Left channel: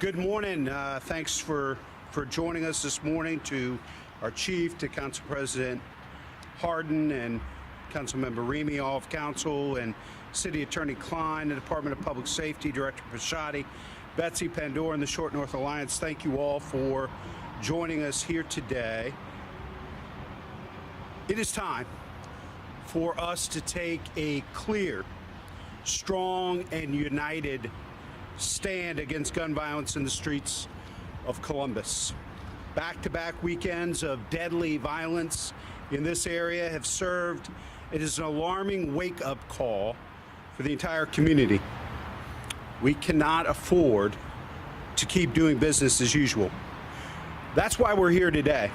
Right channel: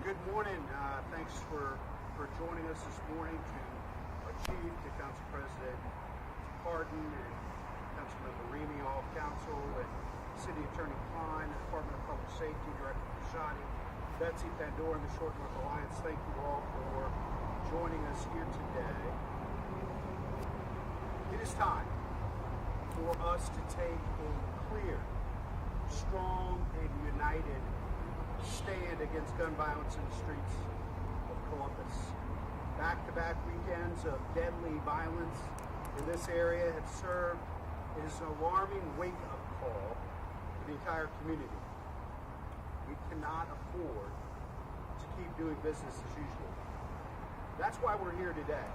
Good morning. Thanks for joining us this morning, to our chief, to Council President Hardin and Councilmember Remy, all of Council, and City Attorney Klein, the Department of Public Safety, Director Pashotti, Betsy Pandora, and the Short North Alliance. Thank you all for joining us here today. It is time for us to take a clear, strong, and united stand against gun violence in the streets of Columbus. Back-to-back weekends of deadly violence in this area have served as an alarming wake-up call for the entire community. We cannot afford to keep doing business as usual. That's why we're here today,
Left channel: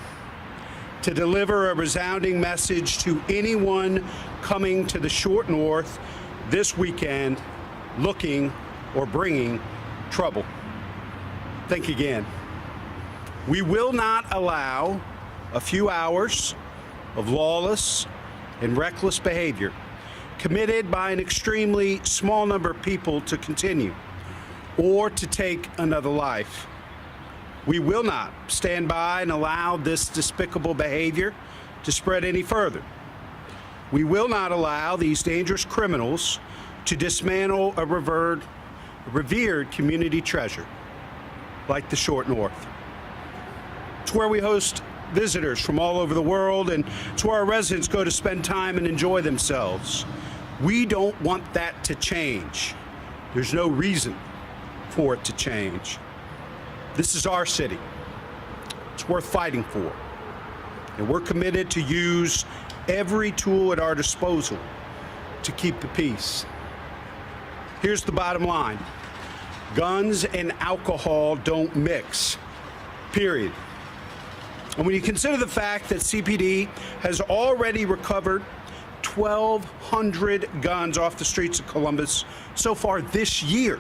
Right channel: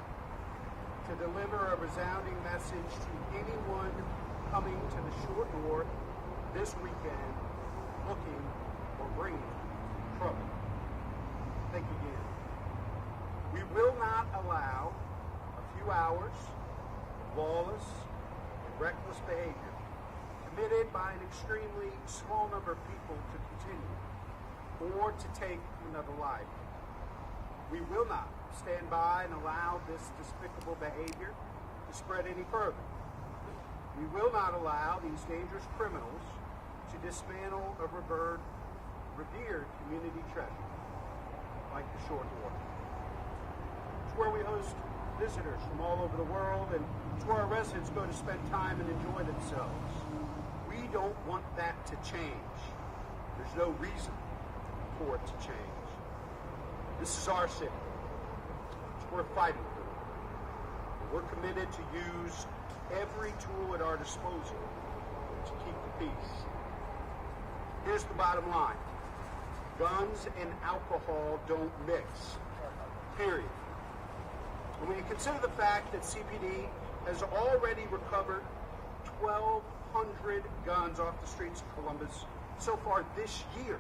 to deliver a resounding message to anyone coming to the Short North this weekend looking or bringing trouble. Think again. We will not allow a few hours of lawless and reckless behavior committed by an extremely small number of people to continue or to take another life. We will not stand by and allow this despicable behavior to spread any further. We will not allow these dangerous criminals to dismantle a revered community treasure like the Short North. It's where we host visitors from all over the world, and it's where our residents go to spend time and enjoy themselves. We don't want that to change. There's no reason for it to change. This is our city. It's worth fighting for. And we're committed to use every tool at our disposal to keep the peace. Here's the bottom line. Guns and alcohol don't mix, period. And when you consider the fact that CPD has already recovered 1,200 guns off the streets of Columbus so far this year,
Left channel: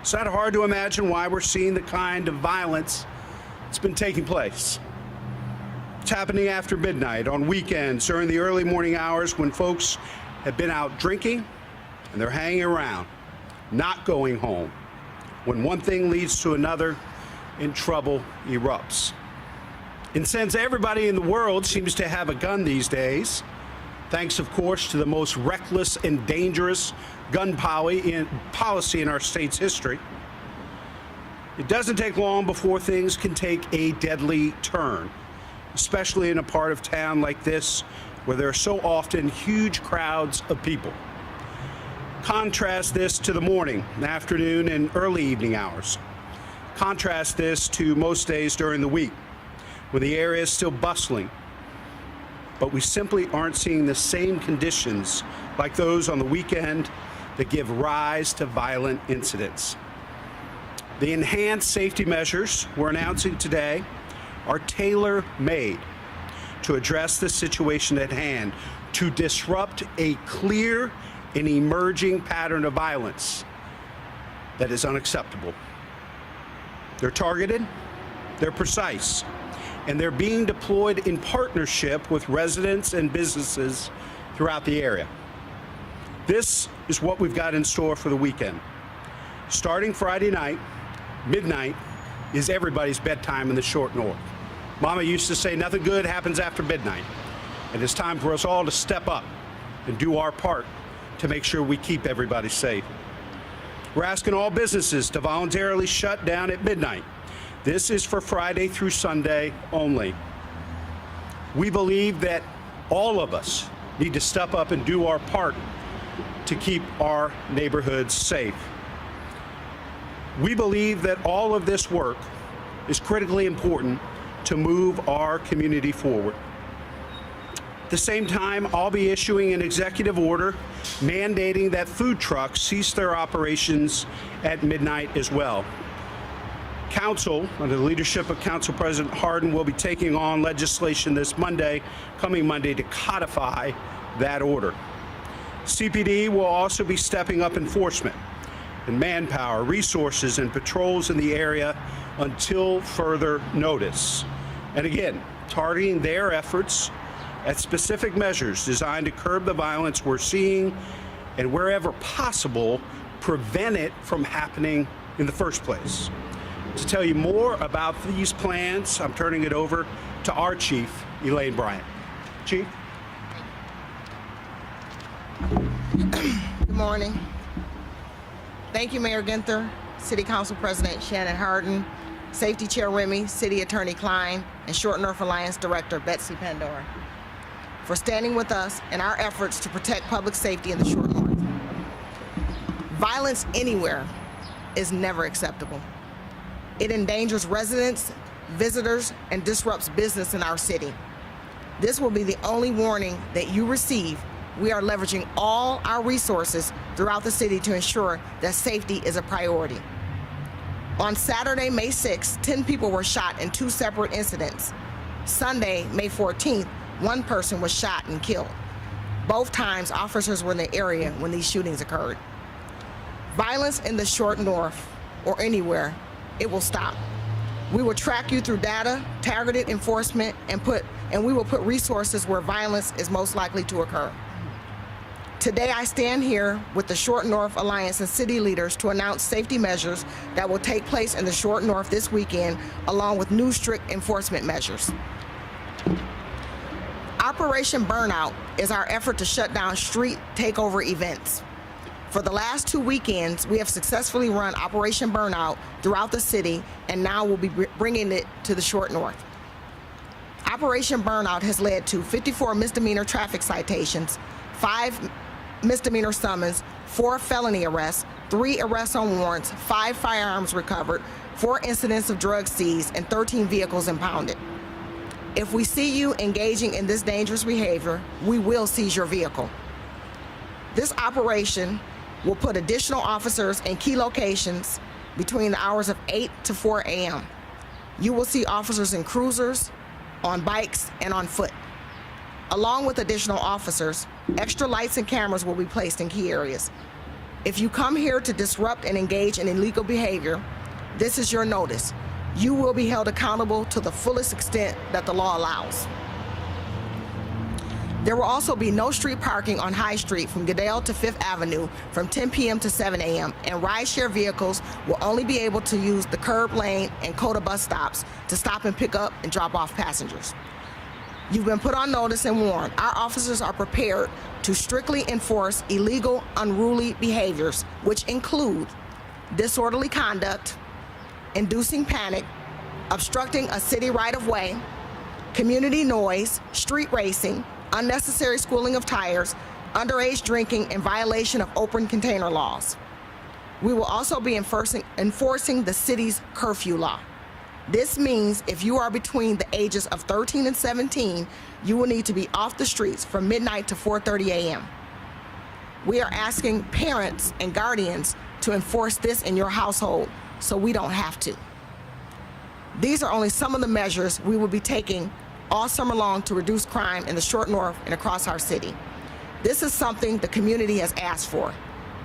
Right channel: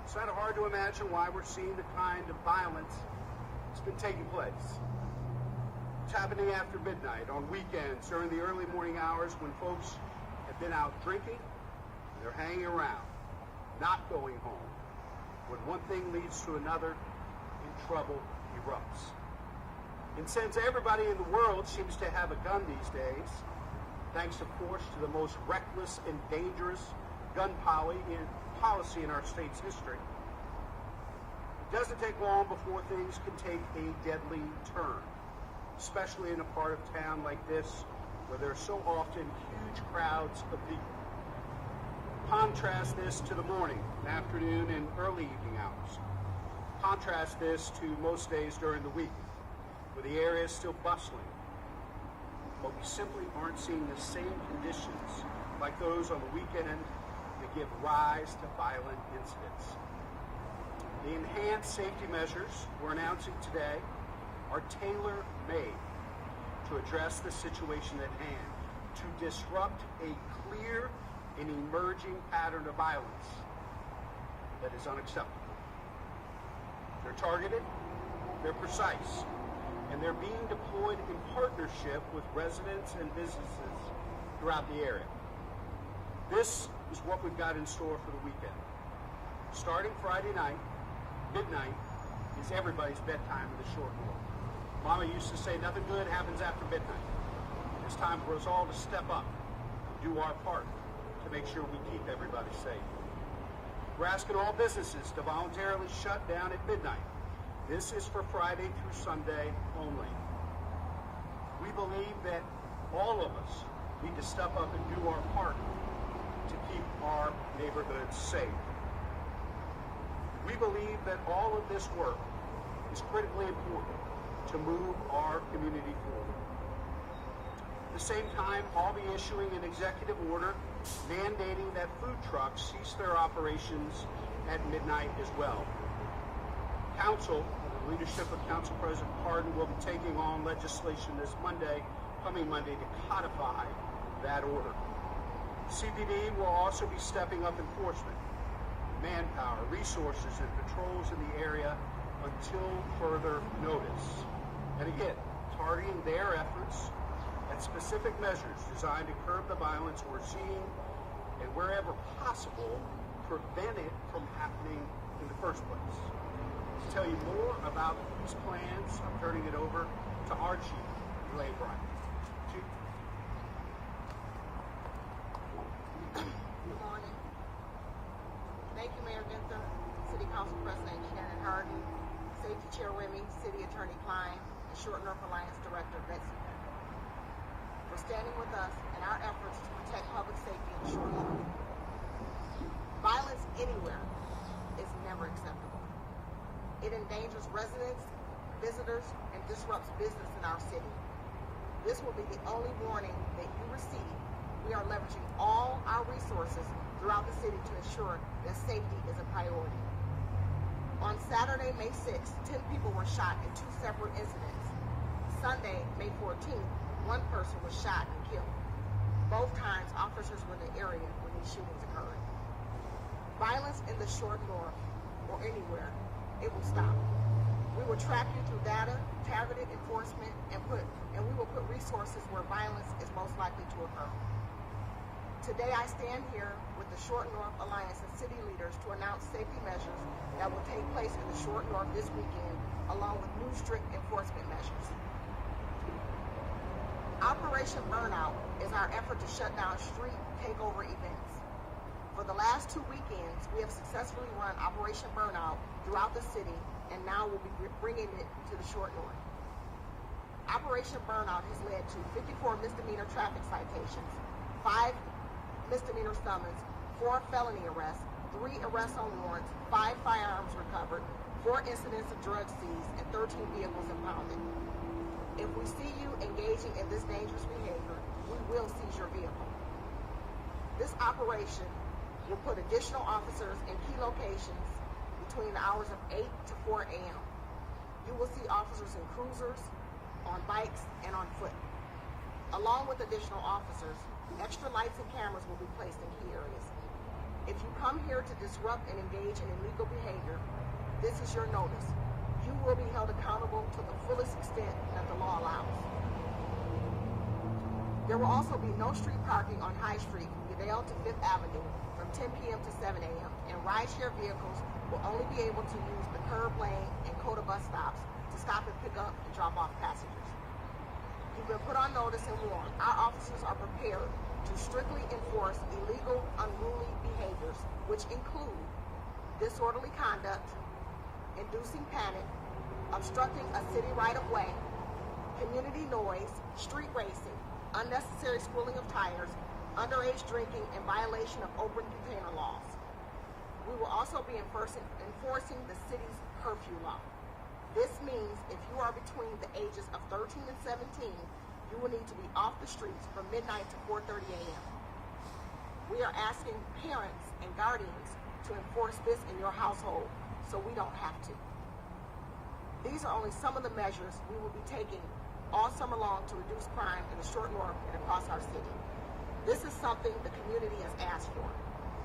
it's not hard to imagine why we're seeing the kind of violence that's been taking place. It's happening after midnight, on weekends, during the early morning hours when folks have been out drinking and they're hanging around, not going home. When one thing leads to another and trouble erupts. And since everybody in the world seems to have a gun these days, thanks of course to the most reckless and dangerous gun policy in our state's history, it doesn't take long before things can take a deadly turn, especially in a part of town like this where there are so often huge crowds of people. Contrast this to the morning, afternoon, and early evening hours. Contrast this to most days during the week, when the area is still bustling, but we simply aren't seeing the same conditions like those on the weekend that give rise to violent incidents. The enhanced safety measures we're announcing today are tailor-made to address the situation at hand, to disrupt a clear and emerging pattern of violence that is unacceptable. They're targeted, they're precise, and they're being deployed in partnership with residents and businesses throughout the area. This is what we've got in store for the weekend. Starting Friday night, midnight is everybody's bedtime in the Short North. Mama used to say nothing good happens after midnight, and it's time for us all to step up and do our part to make sure we keep everybody safe. We're asking all businesses to voluntarily shut down at midnight. This is for Friday through Sunday only. We believe that all of us need to step up and do our part to keep our neighborhoods safe. We believe that all of this work is critically important to move our community forward. At the same time, I'll be issuing an executive order mandating that food trucks cease their operations at midnight as well. Council, under the leadership of Council President Hardin, will be taking on legislation this coming Monday, to codify that order. CPD will also be stepping up enforcement and manpower, resources, and patrols in the area until further notice. And again, targeting their efforts at specific measures designed to curb the violence we're seeing and, wherever possible, prevent it from happening in the first place. To tell you more about these plans, I'm turning it over to our chief, Elaine Bryant. Chief? Good morning. Thank you, Mayor Ginther, City Council President Shannon Hardin, Safety Chair Remy, City Attorney Klein, and Short North Alliance Director Betsy Pandora for standing with us in our efforts to protect public safety in the Short North. Violence anywhere is never acceptable. It endangers residents, visitors, and disrupts business in our city. This will be the only warning that you receive. We are leveraging all our resources throughout the city to ensure that safety is a priority. On Saturday, May 6th, 10 people were shot in 2 separate incidents. Sunday, May 14th, 1 person was shot and killed. Both times, officers were in the area when these shootings occurred. Violence in the Short North, or anywhere, it will stop. We will track you through data, targeted enforcement, and we will put resources where violence is most likely to occur. Today, I stand here with the Short North Alliance and city leaders to announce safety measures that will take place in the Short North this weekend, along with new strict enforcement measures. Operation Burnout is our effort to shut down street takeover events. For the last 2 weekends, we have successfully run Operation Burnout throughout the city, and now we'll be bringing it to the Short North. Operation Burnout has led to 54 misdemeanor traffic citations, 5 misdemeanor summons, 4 felony arrests, 3 arrests on warrants, 5 firearms recovered, 4 incidents of drugs seized, and 13 vehicles impounded. If we see you engaging in this dangerous behavior, we will seize your vehicle. This operation will put additional officers in key locations between the hours of 8 to 4 a.m. You will see officers in cruisers, on bikes, and on foot. Along with additional officers, extra lights and cameras will be placed in key areas. If you come here to disrupt and engage in illegal behavior, this is your notice. You will be held accountable to the fullest extent that the law allows. There will also be no street parking on High Street from Goodale to 5th Avenue from 10 p.m. to 7 a.m., and rideshare vehicles will only be able to use the curb lane and CODA bus stops to stop and pick up and drop off passengers. You've been put on notice and warned. Our officers are prepared to strictly enforce illegal, unruly behaviors, which include disorderly conduct, inducing panic, obstructing a city right-of-way, community noise, street racing, unnecessary schooling of tires, underage drinking, and violation of open container laws. We will also be enforcing the city's curfew law. This means if you are between the ages of 13 and 17, you will need to be off the streets from midnight to 4:30 a.m. We are asking parents and guardians to enforce this in your household so we don't have to. These are only some of the measures we will be taking all summer long to reduce crime in the Short North and across our city. This is something the community has asked for.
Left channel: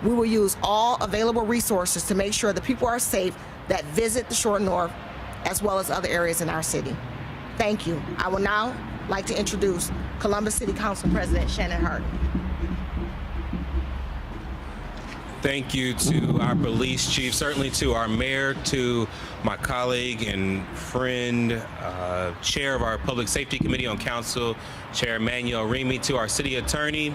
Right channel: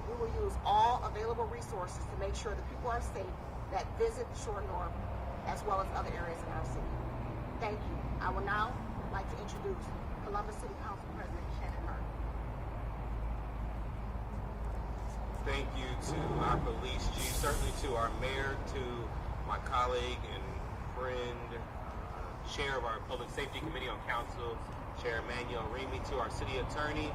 We will use all available resources to make sure that people are safe that visit the Short North as well as other areas in our city. Thank you. I would now like to introduce Columbus City Council President Shannon Hardin. Thank you to our police chief, certainly to our mayor, to my colleague and friend, chair of our Public Safety Committee on Council, Chair Emmanuel Remy, to our city attorney,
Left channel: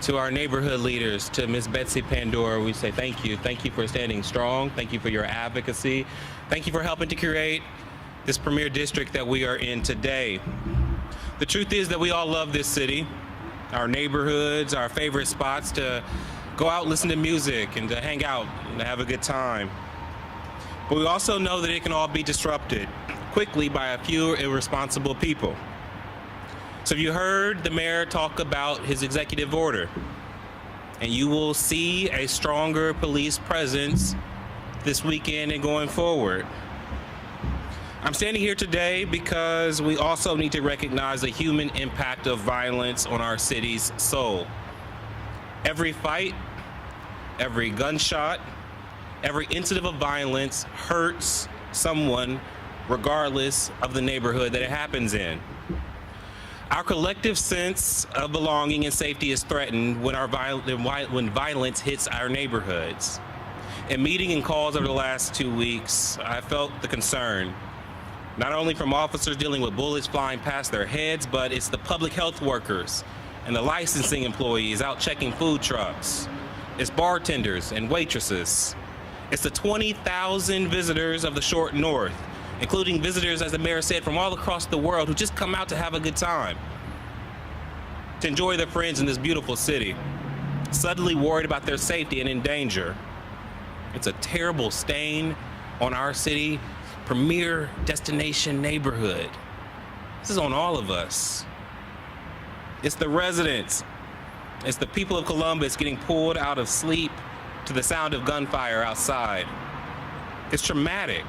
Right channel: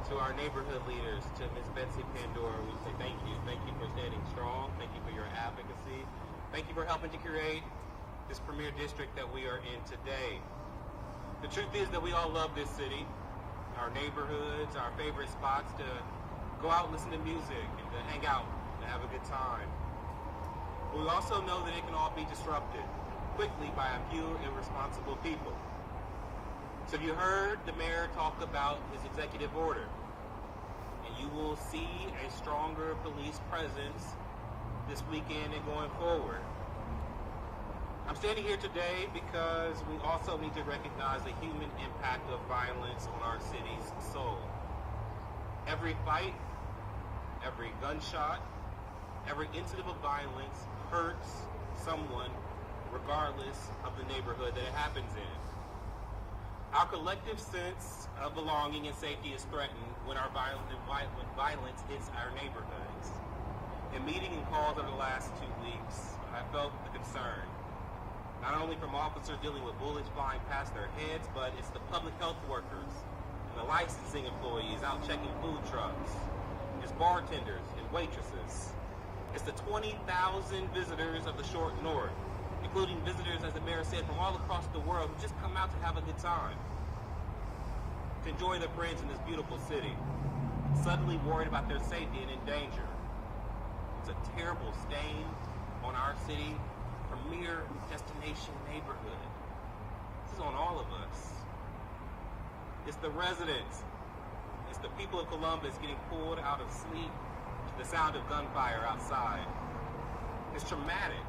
to our neighborhood leaders, to Ms. Betsy Pandora. We say thank you. Thank you for standing strong. Thank you for your advocacy. Thank you for helping to create this premier district that we are in today. The truth is that we all love this city, our neighborhoods, our favorite spots to go out, listen to music, and to hang out and to have a good time. But we also know that it can all be disrupted quickly by a few irresponsible people. So you heard the mayor talk about his executive order, and you will see a stronger police presence this weekend and going forward. I'm standing here today because we also need to recognize the human impact of violence on our city's soul. Every fight, every gunshot, every incident of violence hurts someone regardless of the neighborhood that it happens in. Our collective sense of belonging and safety is threatened when violence hits our neighborhoods. In meeting and calls over the last 2 weeks, I felt the concern, not only from officers dealing with bullets flying past their heads, but it's the public health workers and the licensing employees out checking food trucks. It's bartenders and waitresses. It's the 20,000 visitors of the Short North, including visitors, as the mayor said, from all across the world who just come out to have a good time, to enjoy their friends in this beautiful city, suddenly worried about their safety and in danger. It's a terrible stain on our city, premier destination neighborhood. This is on all of us. It's the residents. It's the people of Columbus getting pulled out of sleep to the sound of gunfire outside. It's traumatic.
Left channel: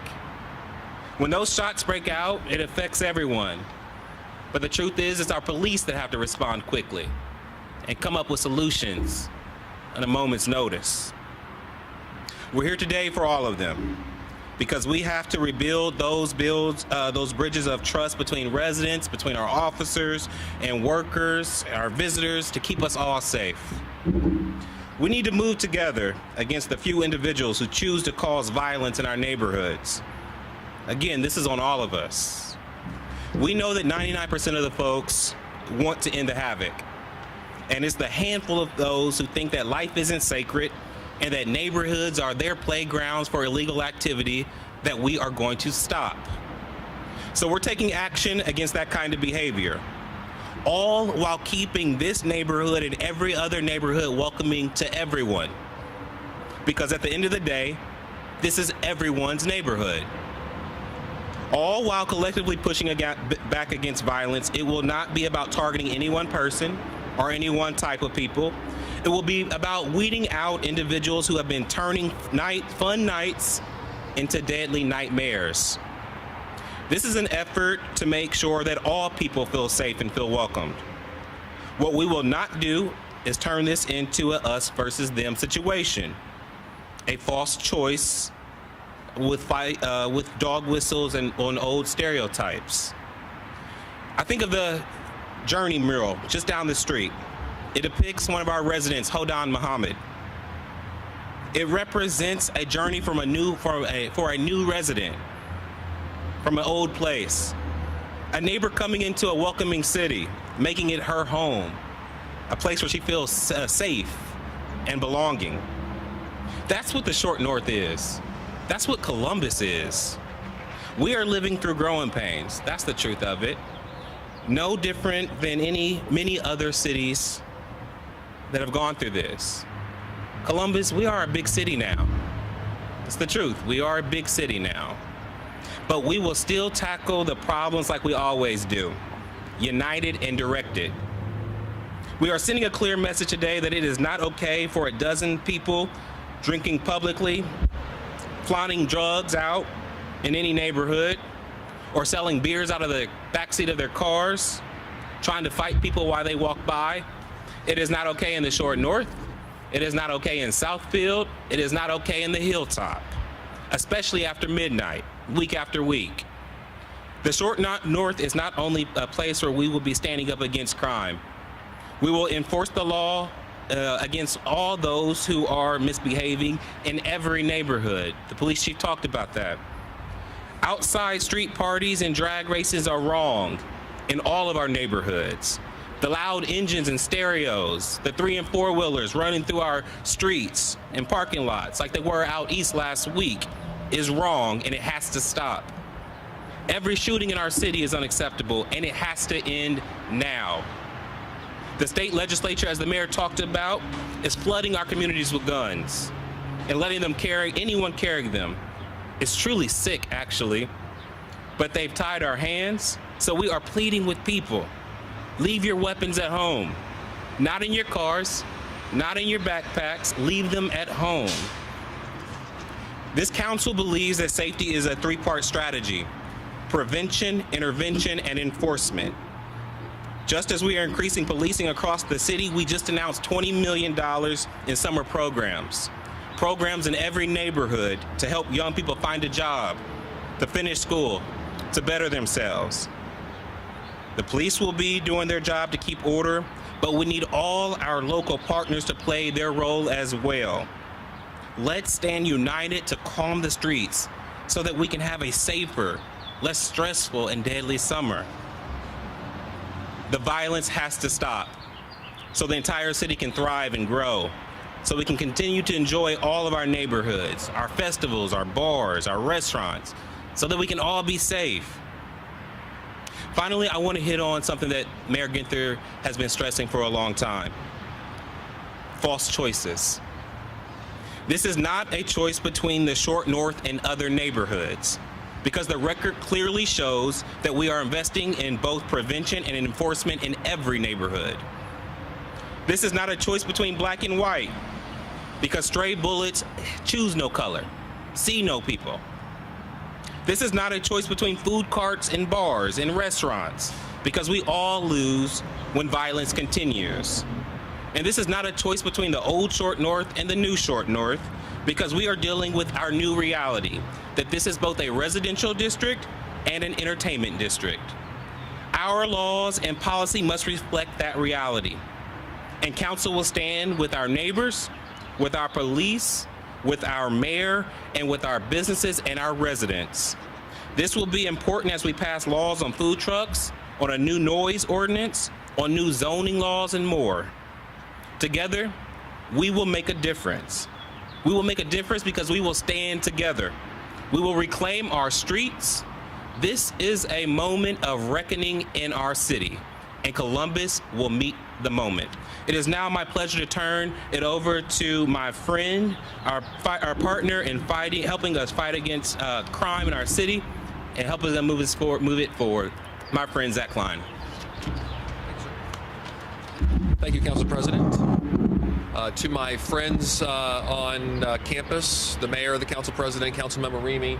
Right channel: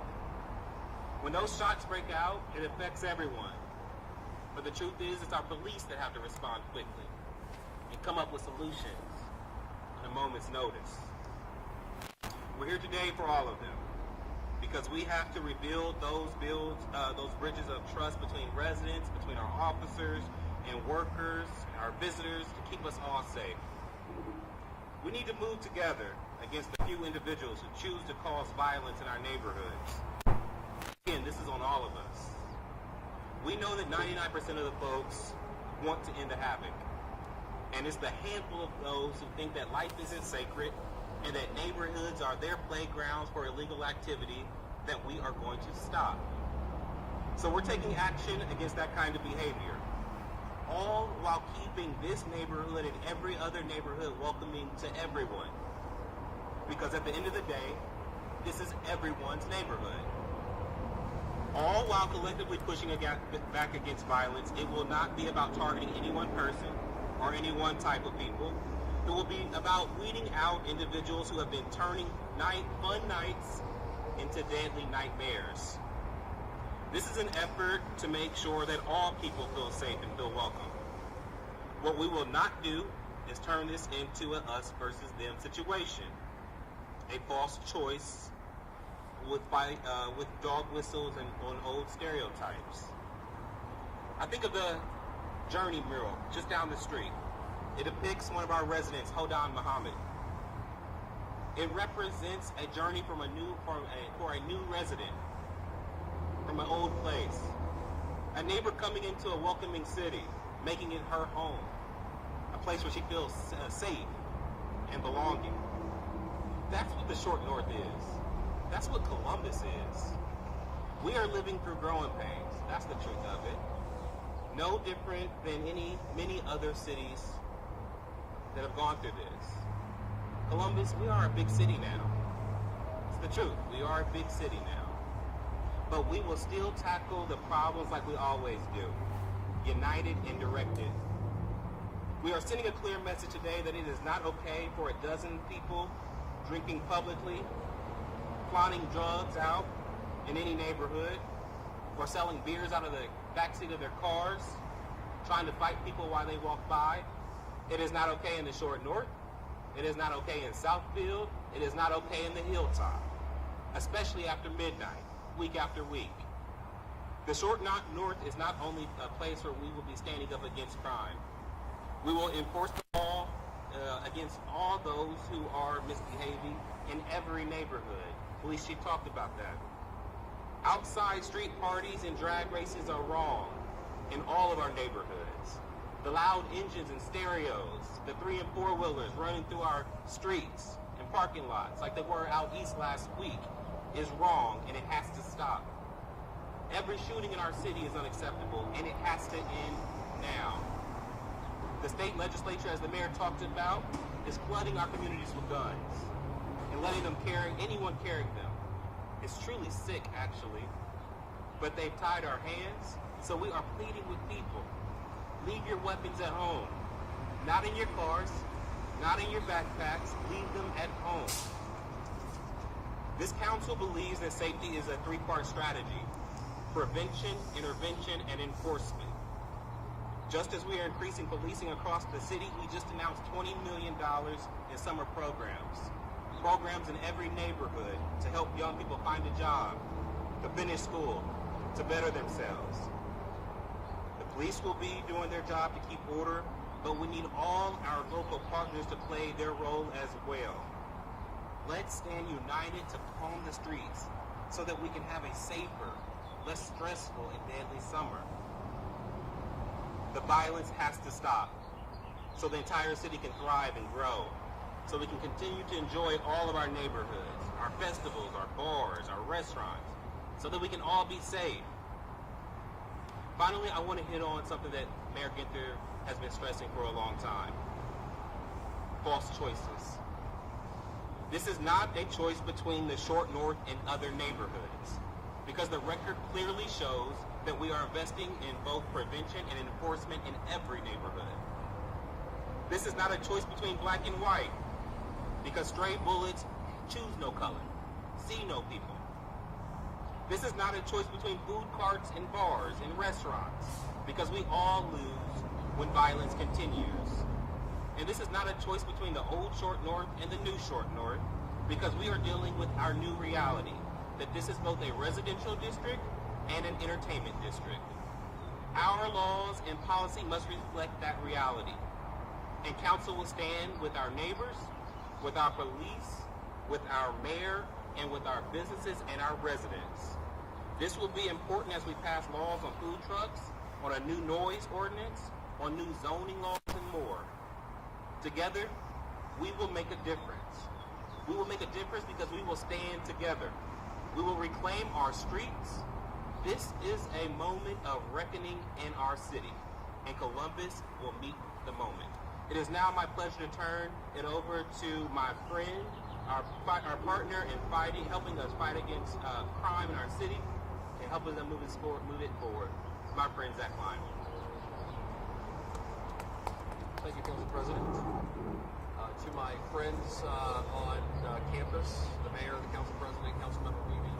When those shots break out, it affects everyone. But the truth is, it's our police that have to respond quickly and come up with solutions at a moment's notice. We're here today for all of them, because we have to rebuild those bridges of trust between residents, between our officers and workers, our visitors, to keep us all safe. We need to move together against the few individuals who choose to cause violence in our neighborhoods. Again, this is on all of us. We know that 99% of the folks want to end the havoc, and it's the handful of those who think that life isn't sacred and that neighborhoods are their playgrounds for illegal activity that we are going to stop. So we're taking action against that kind of behavior, all while keeping this neighborhood and every other neighborhood welcoming to everyone. Because at the end of the day, this is everyone's neighborhood. All while collectively pushing back against violence. It will not be about targeting any one person or any one type of people. It will be about weeding out individuals who have been turning fun nights into deadly nightmares. This is an effort to make sure that all people feel safe and feel welcomed. What we will not do is turn this into a us versus them situation, a false choice with dog whistles and on old stereotypes. I think of the Journey mural just down the street. It depicts one of our residents, Hodan Muhammad. It represents a journey for a new resident from an old place, a neighbor coming into a welcoming city, making it her home, a place where she feels safe and belonging. That's what the Short North is. That's what Columbus is. We are living through growing pains. That's the truth of it. No different than many other cities that have gone through this. Columbus, we are a big city now. It's the truth. We are a big city now. But we will still tackle the problems like we always do, united and directed. We are sending a clear message today that it is not okay for a dozen people drinking publicly, flaunting drugs out in any neighborhood, or selling beers out of the backseat of their cars, trying to fight people while they walk by. It is not okay in the Short North. It is not okay in Southfield. It is not okay in the Hilltop, especially after midnight, week after week. The Short North is not only a place where we will be standing up against crime. We will enforce the law against all those who are misbehaving in every neighborhood. The police chief talked about that. Outside street parties and drag races are wrong in all of our neighborhoods. The loud engines and stereos, the 3- and 4-wheelers running through our streets and parking lots like they were out east last week is wrong, and it has to stop. Every shooting in our city is unacceptable, and it has to end now. The state legislature, as the mayor talked about, is flooding our communities with guns and letting them anyone carrying them. It's truly sick, actually, but they've tied our hands, so we are pleading with people. Leave your weapons at home. Not in your cars, not in your backpacks, leave them at home. This council believes that safety is a 3-part strategy: prevention, intervention, and enforcement. Just as we are increasing policing across the city, we just announced $20 million in summer programs in every neighborhood to help young people find a job, to finish school, to better themselves. The police will be doing their job to keep order, but we need all our local partners to play their role as well. Let's stand united to calm the streets so that we can have a safer, less stressful, and deadly summer. The violence has to stop so the entire city can thrive and grow, so we can continue to enjoy all of our neighborhoods, our festivals, our bars, our restaurants, so that we can all be safe. Finally, I want to hit on something that Mayor Ginther has been stressing for a long time: false choices. This is not a choice between the Short North and other neighborhoods, because the record clearly shows that we are investing in both prevention and enforcement in every neighborhood. This is not a choice between black and white, because stray bullets choose no color, see no people. This is not a choice between food carts and bars and restaurants, because we all lose when violence continues. And this is not a choice between the old Short North and the new Short North, because we are dealing with our new reality, that this is both a residential district and an entertainment district. Our laws and policy must reflect that reality. And council will stand with our neighbors, with our police, with our mayor, and with our businesses and our residents. This will be important as we pass laws on food trucks, on a new noise ordinance, on new zoning laws, and more. Together, we will make a difference. We will make a difference because we will stand together. We will reclaim our streets. This is a moment of reckoning in our city, and Columbus will meet the moment. It is now my pleasure to turn it over to my friend, our partner in fighting, helping us fight against crime in our city, and helping us move it forward. My friend Zach Klein. Thank you, Council President. To my friends on campus, the mayor, the council president, Councilmember Remy,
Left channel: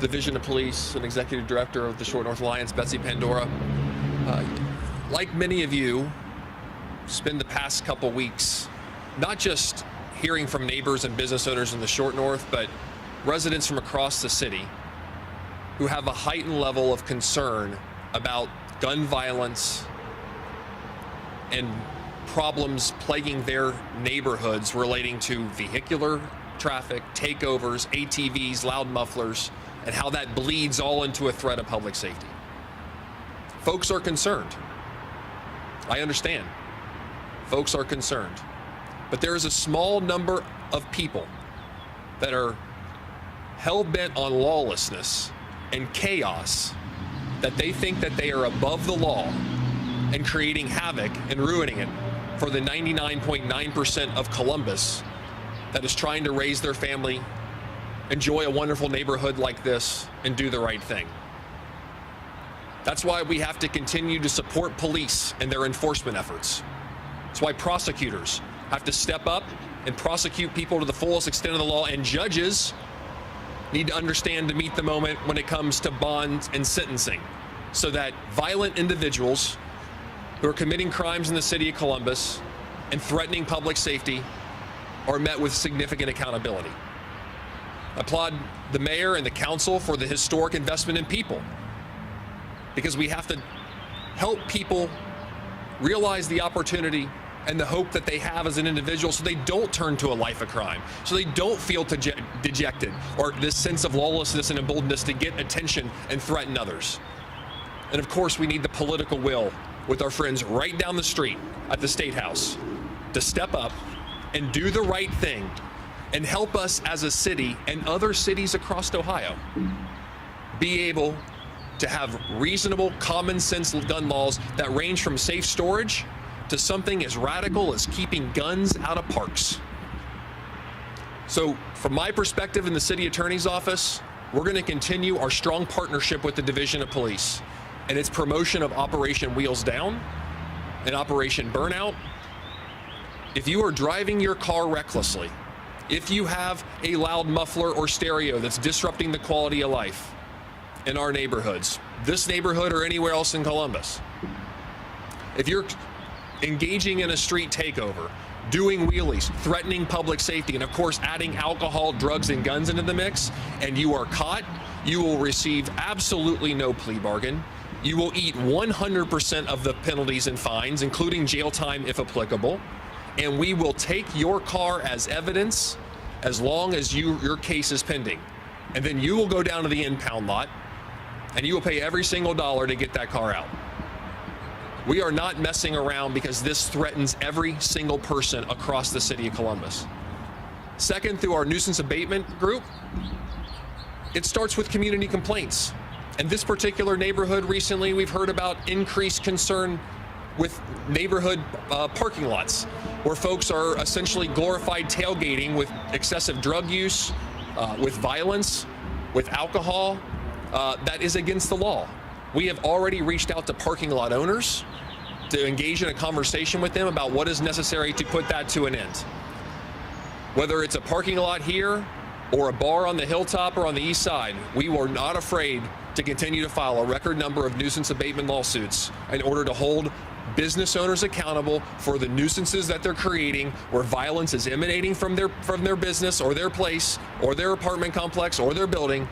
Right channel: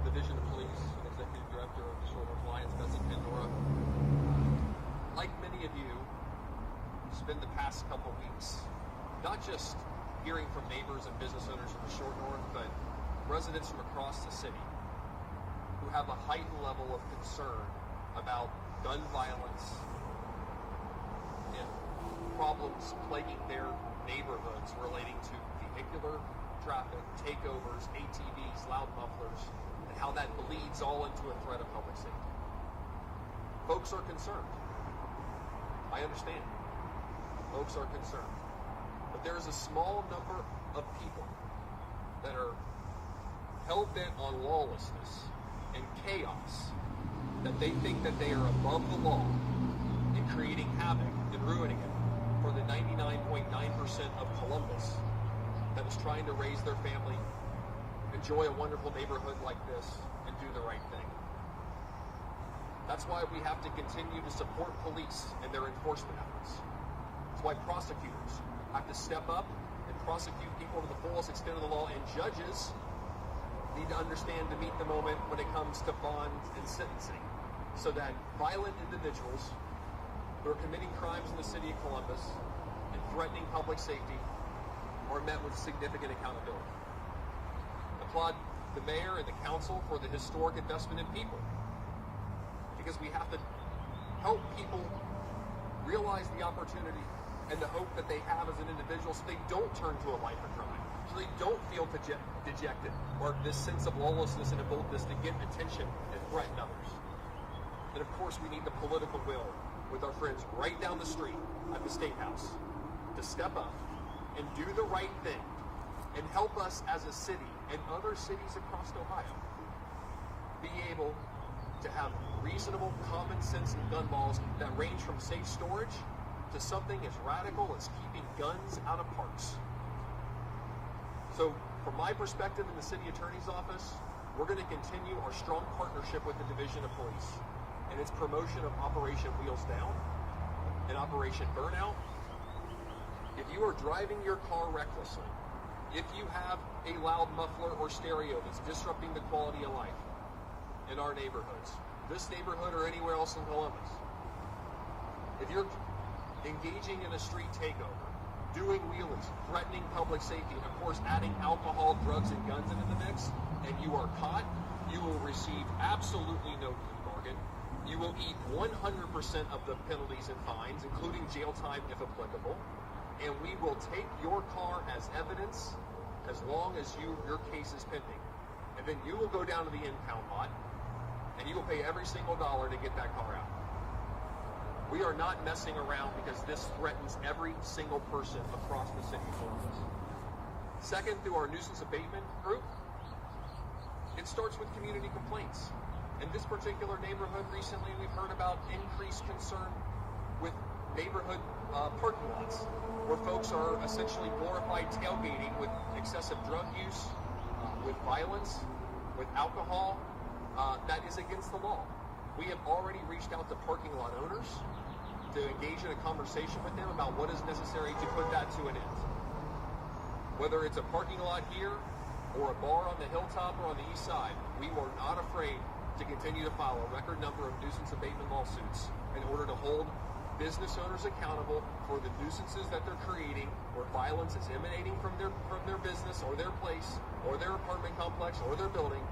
Division of Police, and Executive Director of the Short North Alliance, Betsy Pandora. Like many of you, spend the past couple weeks not just hearing from neighbors and business owners in the Short North, but residents from across the city who have a heightened level of concern about gun violence and problems plaguing their neighborhoods relating to vehicular traffic, takeovers, ATVs, loud mufflers, and how that bleeds all into a threat of public safety. Folks are concerned. I understand. Folks are concerned. But there is a small number of people that are hell-bent on lawlessness and chaos, that they think that they are above the law and creating havoc and ruining it for the 99.9% of Columbus that is trying to raise their family, enjoy a wonderful neighborhood like this, and do the right thing. That's why we have to continue to support police and their enforcement efforts. That's why prosecutors have to step up and prosecute people to the fullest extent of the law, and judges need to understand to meet the moment when it comes to bonds and sentencing, so that violent individuals who are committing crimes in the city of Columbus and threatening public safety are met with significant accountability. I applaud the mayor and the council for the historic investment in people, because we have to help people realize the opportunity and the hope that they have as an individual, so they don't turn to a life of crime, so they don't feel dejected or this sense of lawlessness and emboldenedness to get attention and threaten others. And of course, we need the political will with our friends right down the street at the State House to step up and do the right thing and help us as a city and other cities across Ohio be able to have reasonable, common sense gun laws that range from safe storage to something as radical as keeping guns out of parks. So from my perspective in the city attorney's office, we're going to continue our strong partnership with the Division of Police and its promotion of Operation Wheels Down and Operation Burnout. If you are driving your car recklessly, if you have a loud muffler or stereo that's disrupting the quality of life in our neighborhoods, this neighborhood or anywhere else in Columbus, if you're engaging in a street takeover, doing wheelies, threatening public safety, and of course adding alcohol, drugs, and guns into the mix, and you are caught, you will receive absolutely no plea bargain. You will eat 100% of the penalties and fines, including jail time if applicable, and we will take your car as evidence as long as your case is pending. And then you will go down to the impound lot and you will pay every single dollar to get that car out. We are not messing around because this threatens every single person across the city of Columbus. Second, through our nuisance abatement group, it starts with community complaints. In this particular neighborhood recently, we've heard about increased concern with neighborhood parking lots, where folks are essentially glorified tailgating with excessive drug use, with violence, with alcohol. That is against the law. We have already reached out to parking lot owners to engage in a conversation with them about what is necessary to put that to an end. Whether it's a parking lot here or a bar on the hilltop or on the east side, we were not afraid to continue to file a record number of nuisance abatement lawsuits in order to hold business owners accountable for the nuisances that they're creating, where violence is emanating from their business or their place or their apartment complex or their building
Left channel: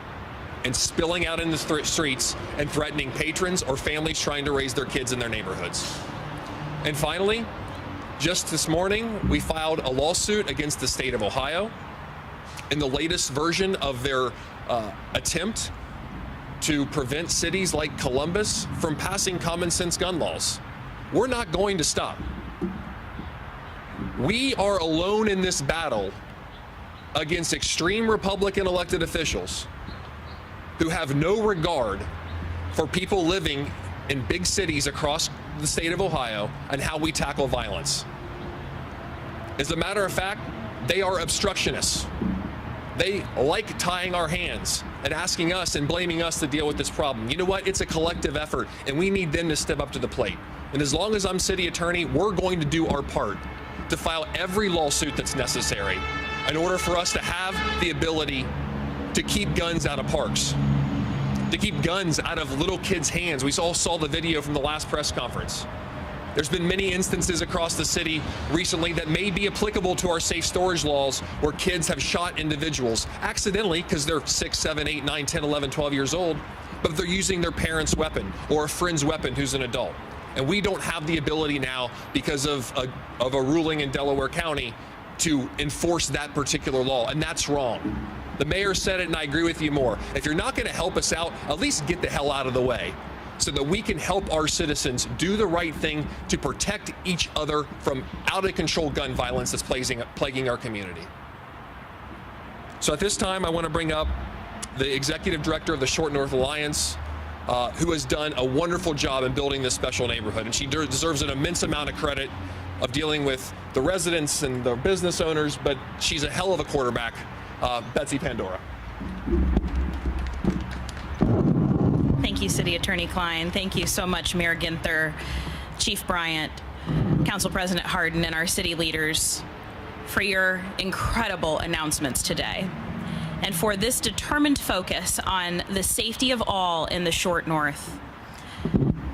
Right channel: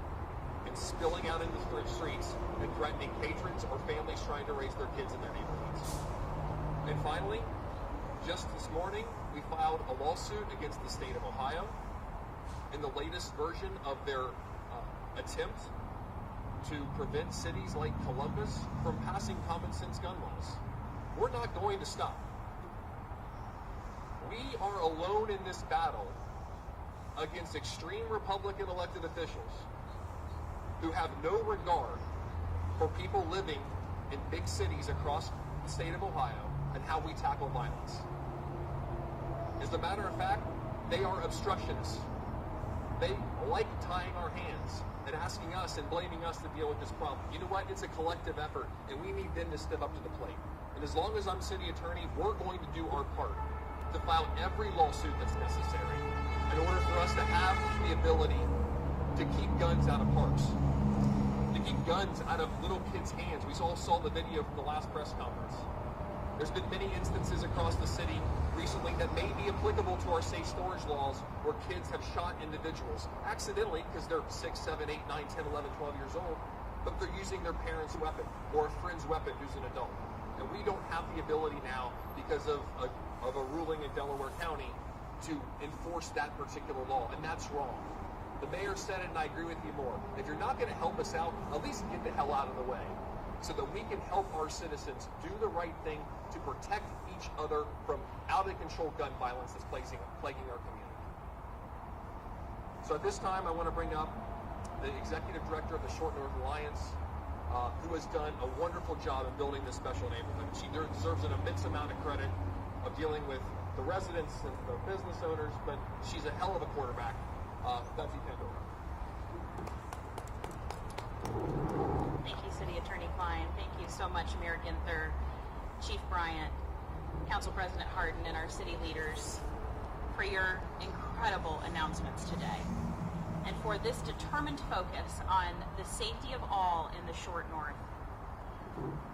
and spilling out in the streets and threatening patrons or families trying to raise their kids in their neighborhoods. And finally, just this morning, we filed a lawsuit against the state of Ohio in the latest version of their attempt to prevent cities like Columbus from passing common sense gun laws. We're not going to stop. We are alone in this battle against extreme Republican elected officials who have no regard for people living in big cities across the state of Ohio and how we tackle violence. As a matter of fact, they are obstructionists. They like tying our hands and asking us and blaming us to deal with this problem. You know what? It's a collective effort, and we need them to step up to the plate. And as long as I'm city attorney, we're going to do our part to file every lawsuit that's necessary in order for us to have the ability to keep guns out of parks, to keep guns out of little kids' hands. We all saw the video from the last press conference. There's been many instances across the city recently that may be applicable to our safe storage laws where kids have shot individuals accidentally because they're 6, 7, 8, 9, 10, 11, 12 years old, but they're using their parent's weapon or a friend's weapon who's an adult. And we don't have the ability now, because of a ruling in Delaware County, to enforce that particular law, and that's wrong. The mayor said it, and I agree with you more. If you're not going to help us out, at least get the hell out of the way so that we can help our citizens do the right thing to protect each other from out-of-control gun violence that's plaguing our community. So at this time, I want to bring up the executive director of the Short North Alliance, who has done a wonderful job in building this special neighborhood, and she deserves an immense amount of credit of dealing with the residents and the business owners, but she's a hell of a quarterback, Betsy Pandora. Thank you, City Attorney Klein. Thank you so much, Mayor Ginther, Chief Bryant, Council President Hardin, and our city leaders for your incredible announcements today, and for this determined focus on the safety of all in the Short North.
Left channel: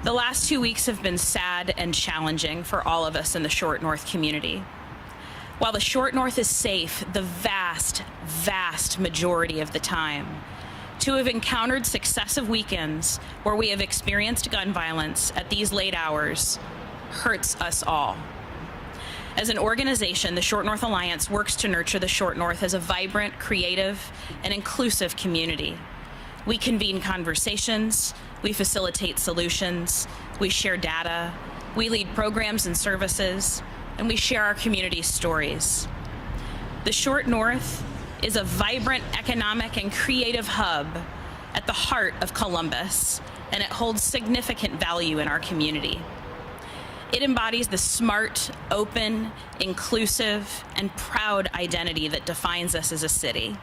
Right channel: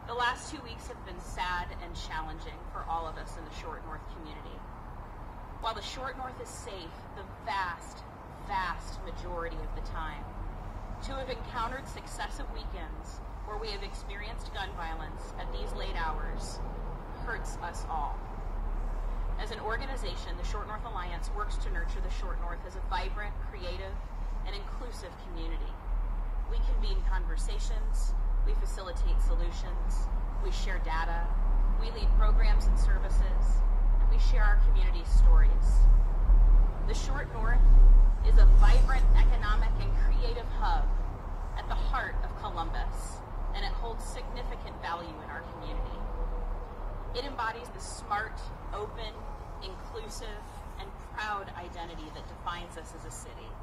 The last 2 weeks have been sad and challenging for all of us in the Short North community. While the Short North is safe the vast, vast majority of the time, to have encountered successive weekends where we have experienced gun violence at these late hours hurts us all. As an organization, the Short North Alliance works to nurture the Short North as a vibrant, creative, and inclusive community. We convene conversations, we facilitate solutions, we share data, we lead programs and services, and we share our community's stories. The Short North is a vibrant economic and creative hub at the heart of Columbus, and it holds significant value in our community. It embodies the smart, open, inclusive, and proud identity that defines us as a city.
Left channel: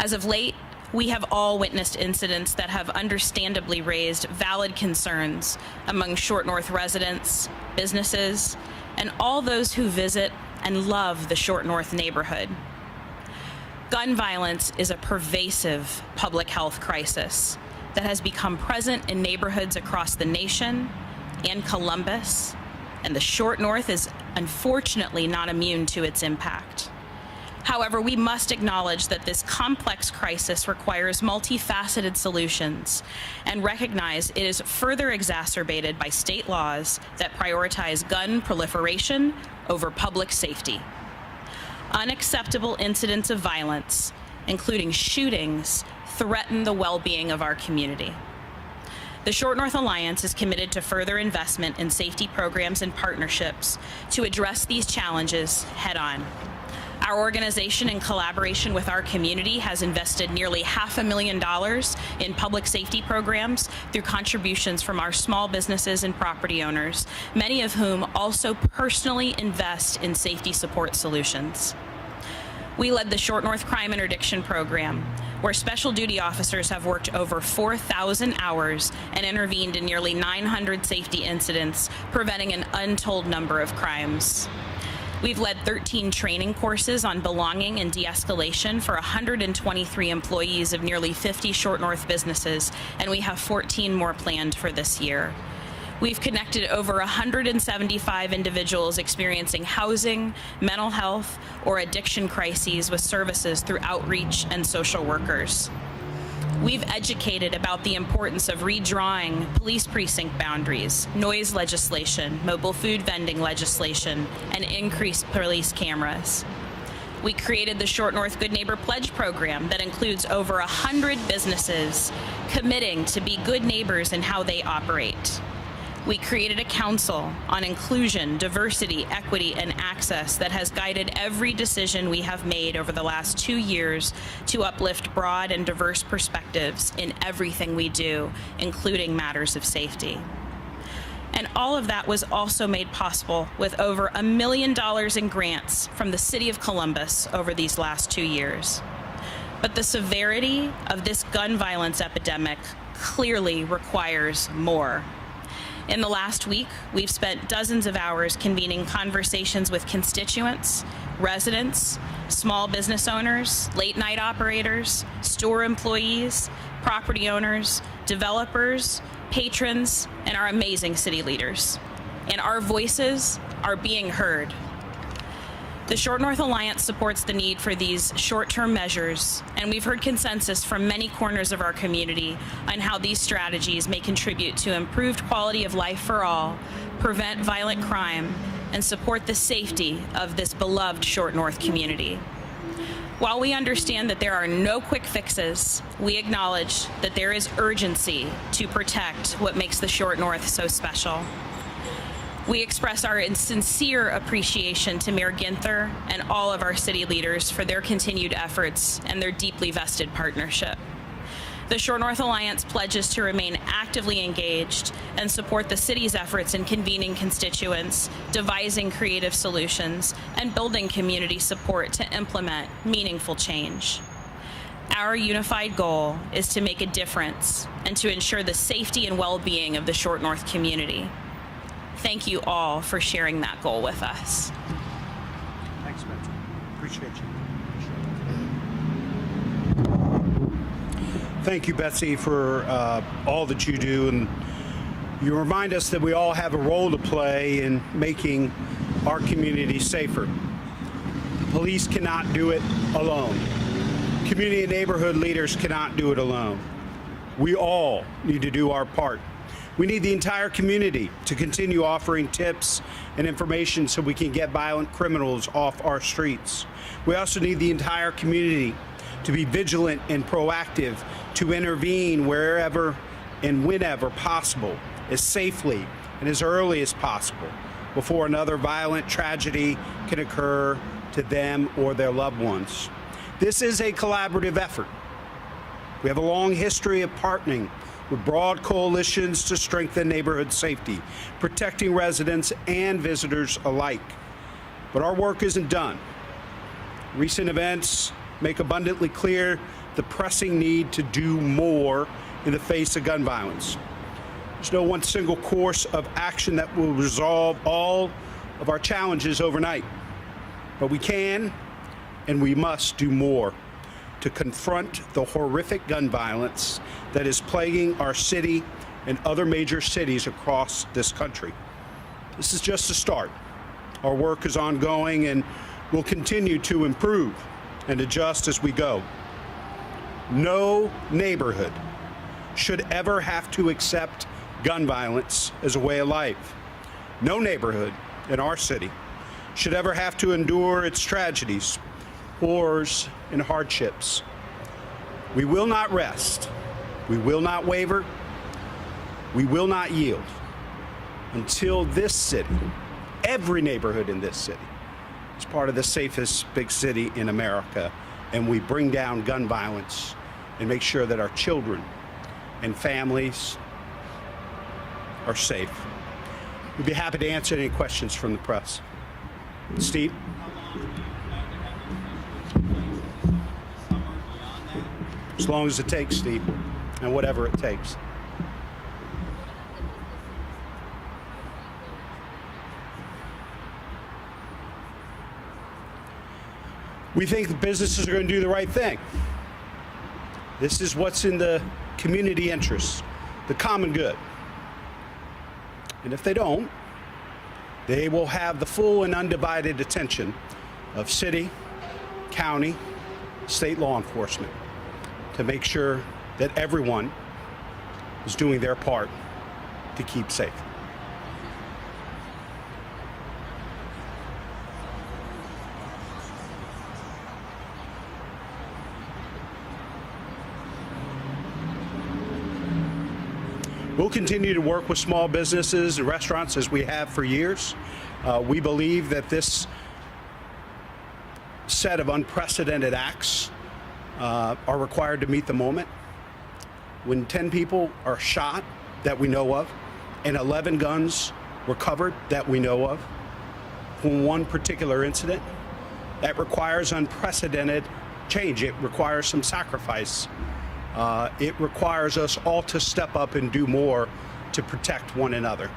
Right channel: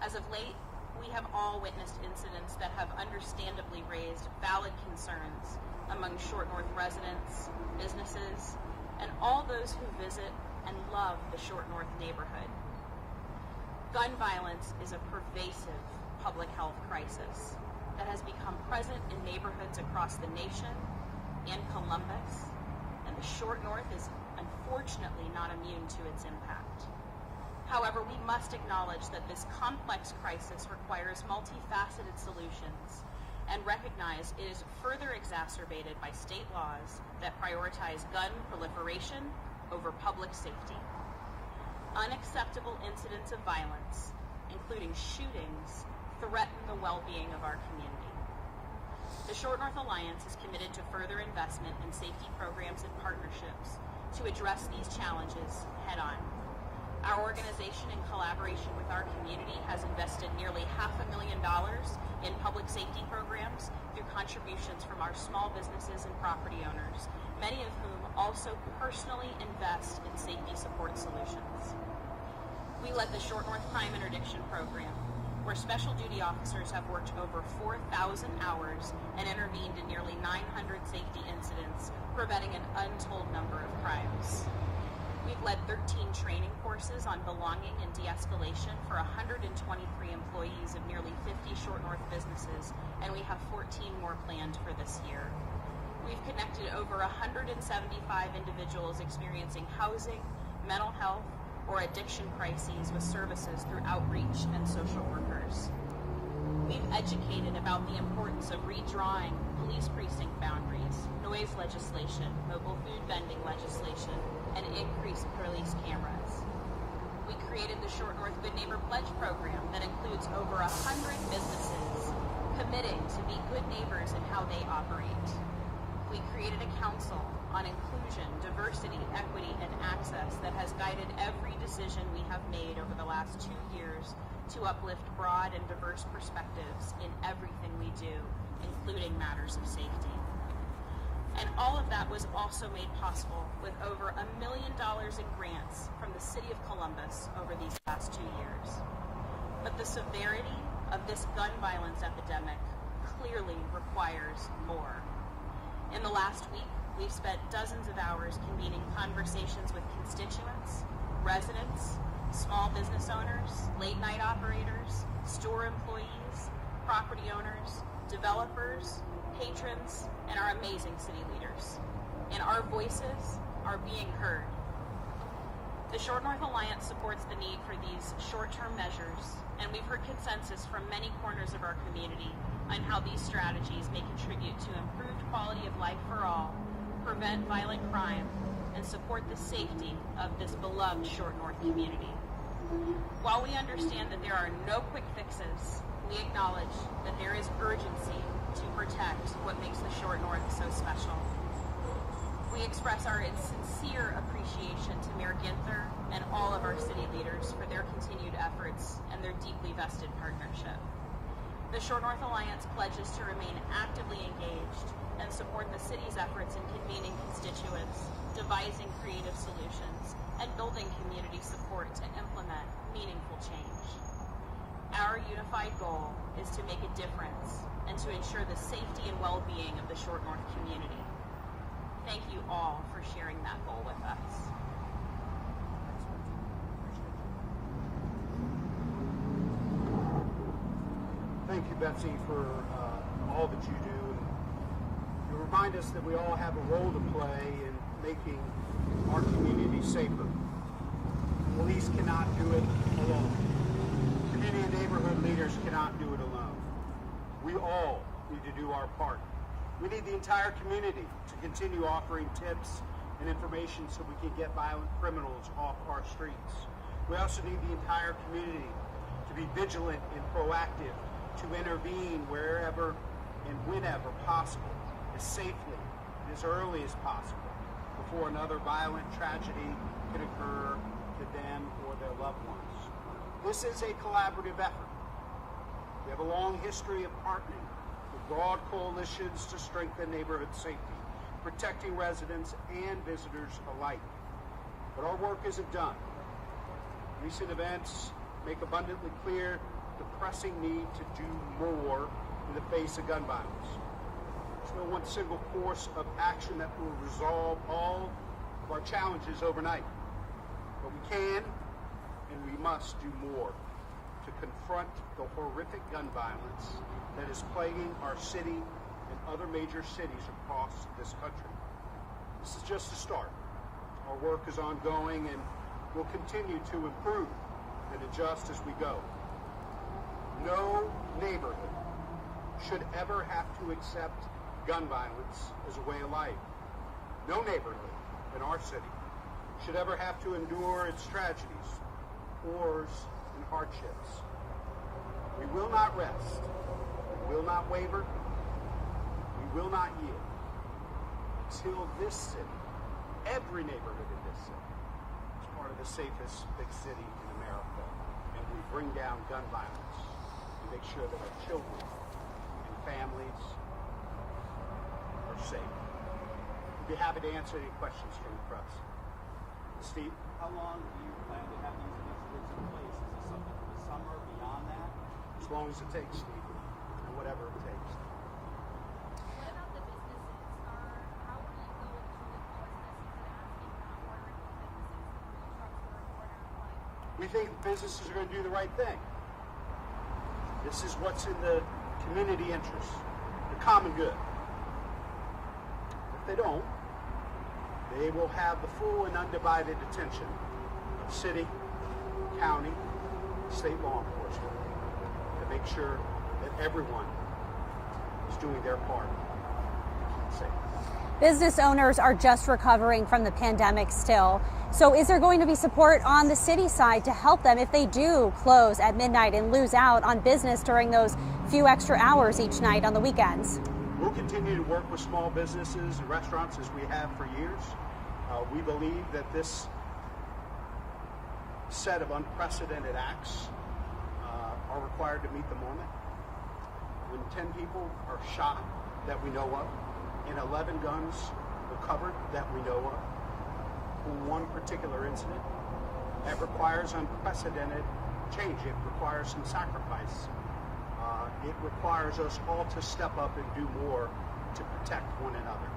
As of late, we have all witnessed incidents that have understandably raised valid concerns among Short North residents, businesses, and all those who visit and love the Short North neighborhood. Gun violence is a pervasive public health crisis that has become present in neighborhoods across the nation and Columbus, and the Short North is unfortunately not immune to its impact. However, we must acknowledge that this complex crisis requires multifaceted solutions and recognize it is further exacerbated by state laws that prioritize gun proliferation over public safety. Unacceptable incidents of violence, including shootings, threaten the well-being of our community. The Short North Alliance is committed to further investment in safety programs and partnerships to address these challenges head-on. Our organization, in collaboration with our community, has invested nearly $500,000 in public safety programs through contributions from our small businesses and property owners, many of whom also personally invest in safety support solutions. We led the Short North Crime Interdiction Program, where special duty officers have worked over 4,000 hours and intervened in nearly 900 safety incidents, preventing an untold number of crimes. We've led 13 training courses on belonging and de-escalation for 123 employees of nearly 50 Short North businesses, and we have 14 more planned for this year. We've connected over 175 individuals experiencing housing, mental health, or addiction crises with services through outreach and social workers. We've educated about the importance of redrawing police precinct boundaries, noise legislation, mobile food vending legislation, and increased police cameras. We created the Short North Good Neighbor Pledge program that includes over 100 businesses committing to be good neighbors in how they operate. We created a council on inclusion, diversity, equity, and access that has guided every decision we have made over the last 2 years to uplift broad and diverse perspectives in everything we do, including matters of safety. And all of that was also made possible with over $1 million in grants from the City of Columbus over these last 2 years. But the severity of this gun violence epidemic clearly requires more. In the last week, we've spent dozens of hours convening conversations with constituents, residents, small business owners, late-night operators, store employees, property owners, developers, patrons, and our amazing city leaders. And our voices are being heard. The Short North Alliance supports the need for these short-term measures, and we've heard consensus from many corners of our community on how these strategies may contribute to improved quality of life for all, prevent violent crime, and support the safety of this beloved Short North community. While we understand that there are no quick fixes, we acknowledge that there is urgency to protect what makes the Short North so special. We express our sincere appreciation to Mayor Ginther and all of our city leaders for their continued efforts and their deeply vested partnership. The Short North Alliance pledges to remain actively engaged and support the city's efforts in convening constituents, devising creative solutions, and building community support to implement meaningful change. Our unified goal is to make a difference and to ensure the safety and well-being of the Short North community. Thank you all for sharing that goal with us. Thanks, Spencer. Appreciate you. Thank you, Betsy, for all that you do. And you remind us that we all have a role to play in making our community safer. Police cannot do it alone. Community and neighborhood leaders cannot do it alone. We all need to do our part. We need the entire community to continue offering tips and information so we can get violent criminals off our streets. We also need the entire community to be vigilant and proactive, to intervene wherever and whenever possible, as safely and as early as possible, before another violent tragedy can occur to them or their loved ones. This is a collaborative effort. We have a long history of partnering with broad coalitions to strengthen neighborhood safety, protecting residents and visitors alike. But our work isn't done. Recent events make abundantly clear the pressing need to do more in the face of gun violence. There's no one single course of action that will resolve all of our challenges overnight. But we can and we must do more to confront the horrific gun violence that is plaguing our city and other major cities across this country. This is just a start. Our work is ongoing and will continue to improve and adjust as we go. No neighborhood should ever have to accept gun violence as a way of life. No neighborhood in our city should ever have to endure its tragedies, horrors, and hardships. We will not rest. We will not waver. We will not yield until this city, every neighborhood in this city, is part of the safest big city in America, and we bring down gun violence and make sure that our children and families are safe. We'd be happy to answer any questions from the press. Steve? As long as it takes, Steve, and whatever it takes. We think the businesses are going to do the right thing. This is what's in the community interest, the common good. And if they don't, they will have the full and undivided attention of city, county, state law enforcement to make sure that everyone is doing their part to keep safe. Business owners are just recovering from the pandemic still. So is there going to be support on the city side to help them if they do close at midnight and lose out on business during those few extra hours each night on the weekends? We'll continue to work with small businesses and restaurants as we have for years. We believe that this set of unprecedented acts are required to meet the moment. When 10 people are shot that we know of and 11 guns recovered that we know of from one particular incident, that requires unprecedented change. It requires some sacrifice. It requires us all to step up and do more to protect one another.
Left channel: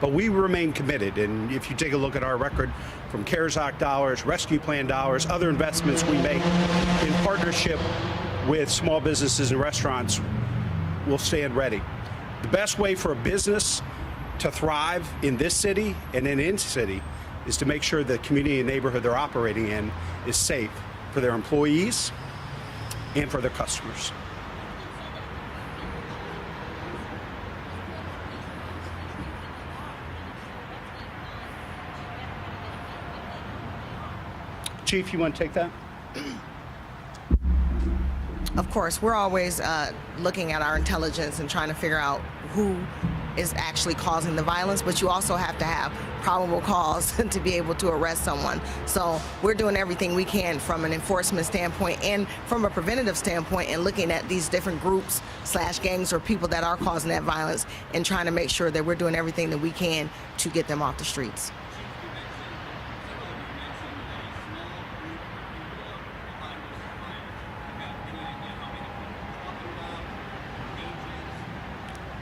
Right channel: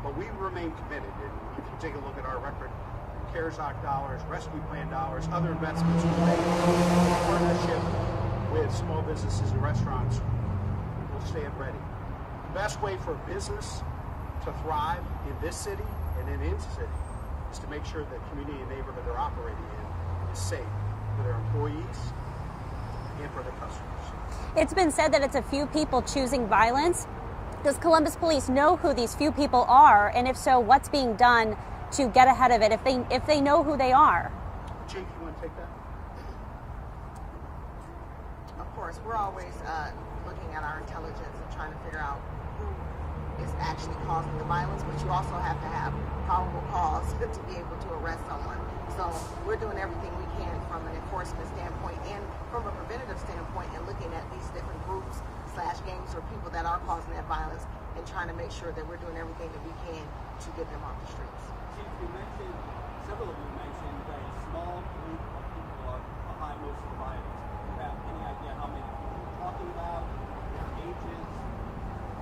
But we remain committed, and if you take a look at our record from CARES Act dollars, rescue plan dollars, other investments we make in partnership with small businesses and restaurants, we'll stand ready. The best way for a business to thrive in this city and in any city is to make sure the community and neighborhood they're operating in is safe for their employees and for their customers. It's been said that it's a few people choosing violence. Does Columbus Police know who these few people are? And if so, what's being done to get ahead of it if they know who they are? Chief, you want to take that? Of course, we're always looking at our intelligence and trying to figure out who is actually causing the violence, but you also have to have probable cause to be able to arrest someone. So we're doing everything we can from an enforcement standpoint and from a preventative standpoint, and looking at these different groups / gangs or people that are causing that violence and trying to make sure that we're doing everything that we can to get them off the streets.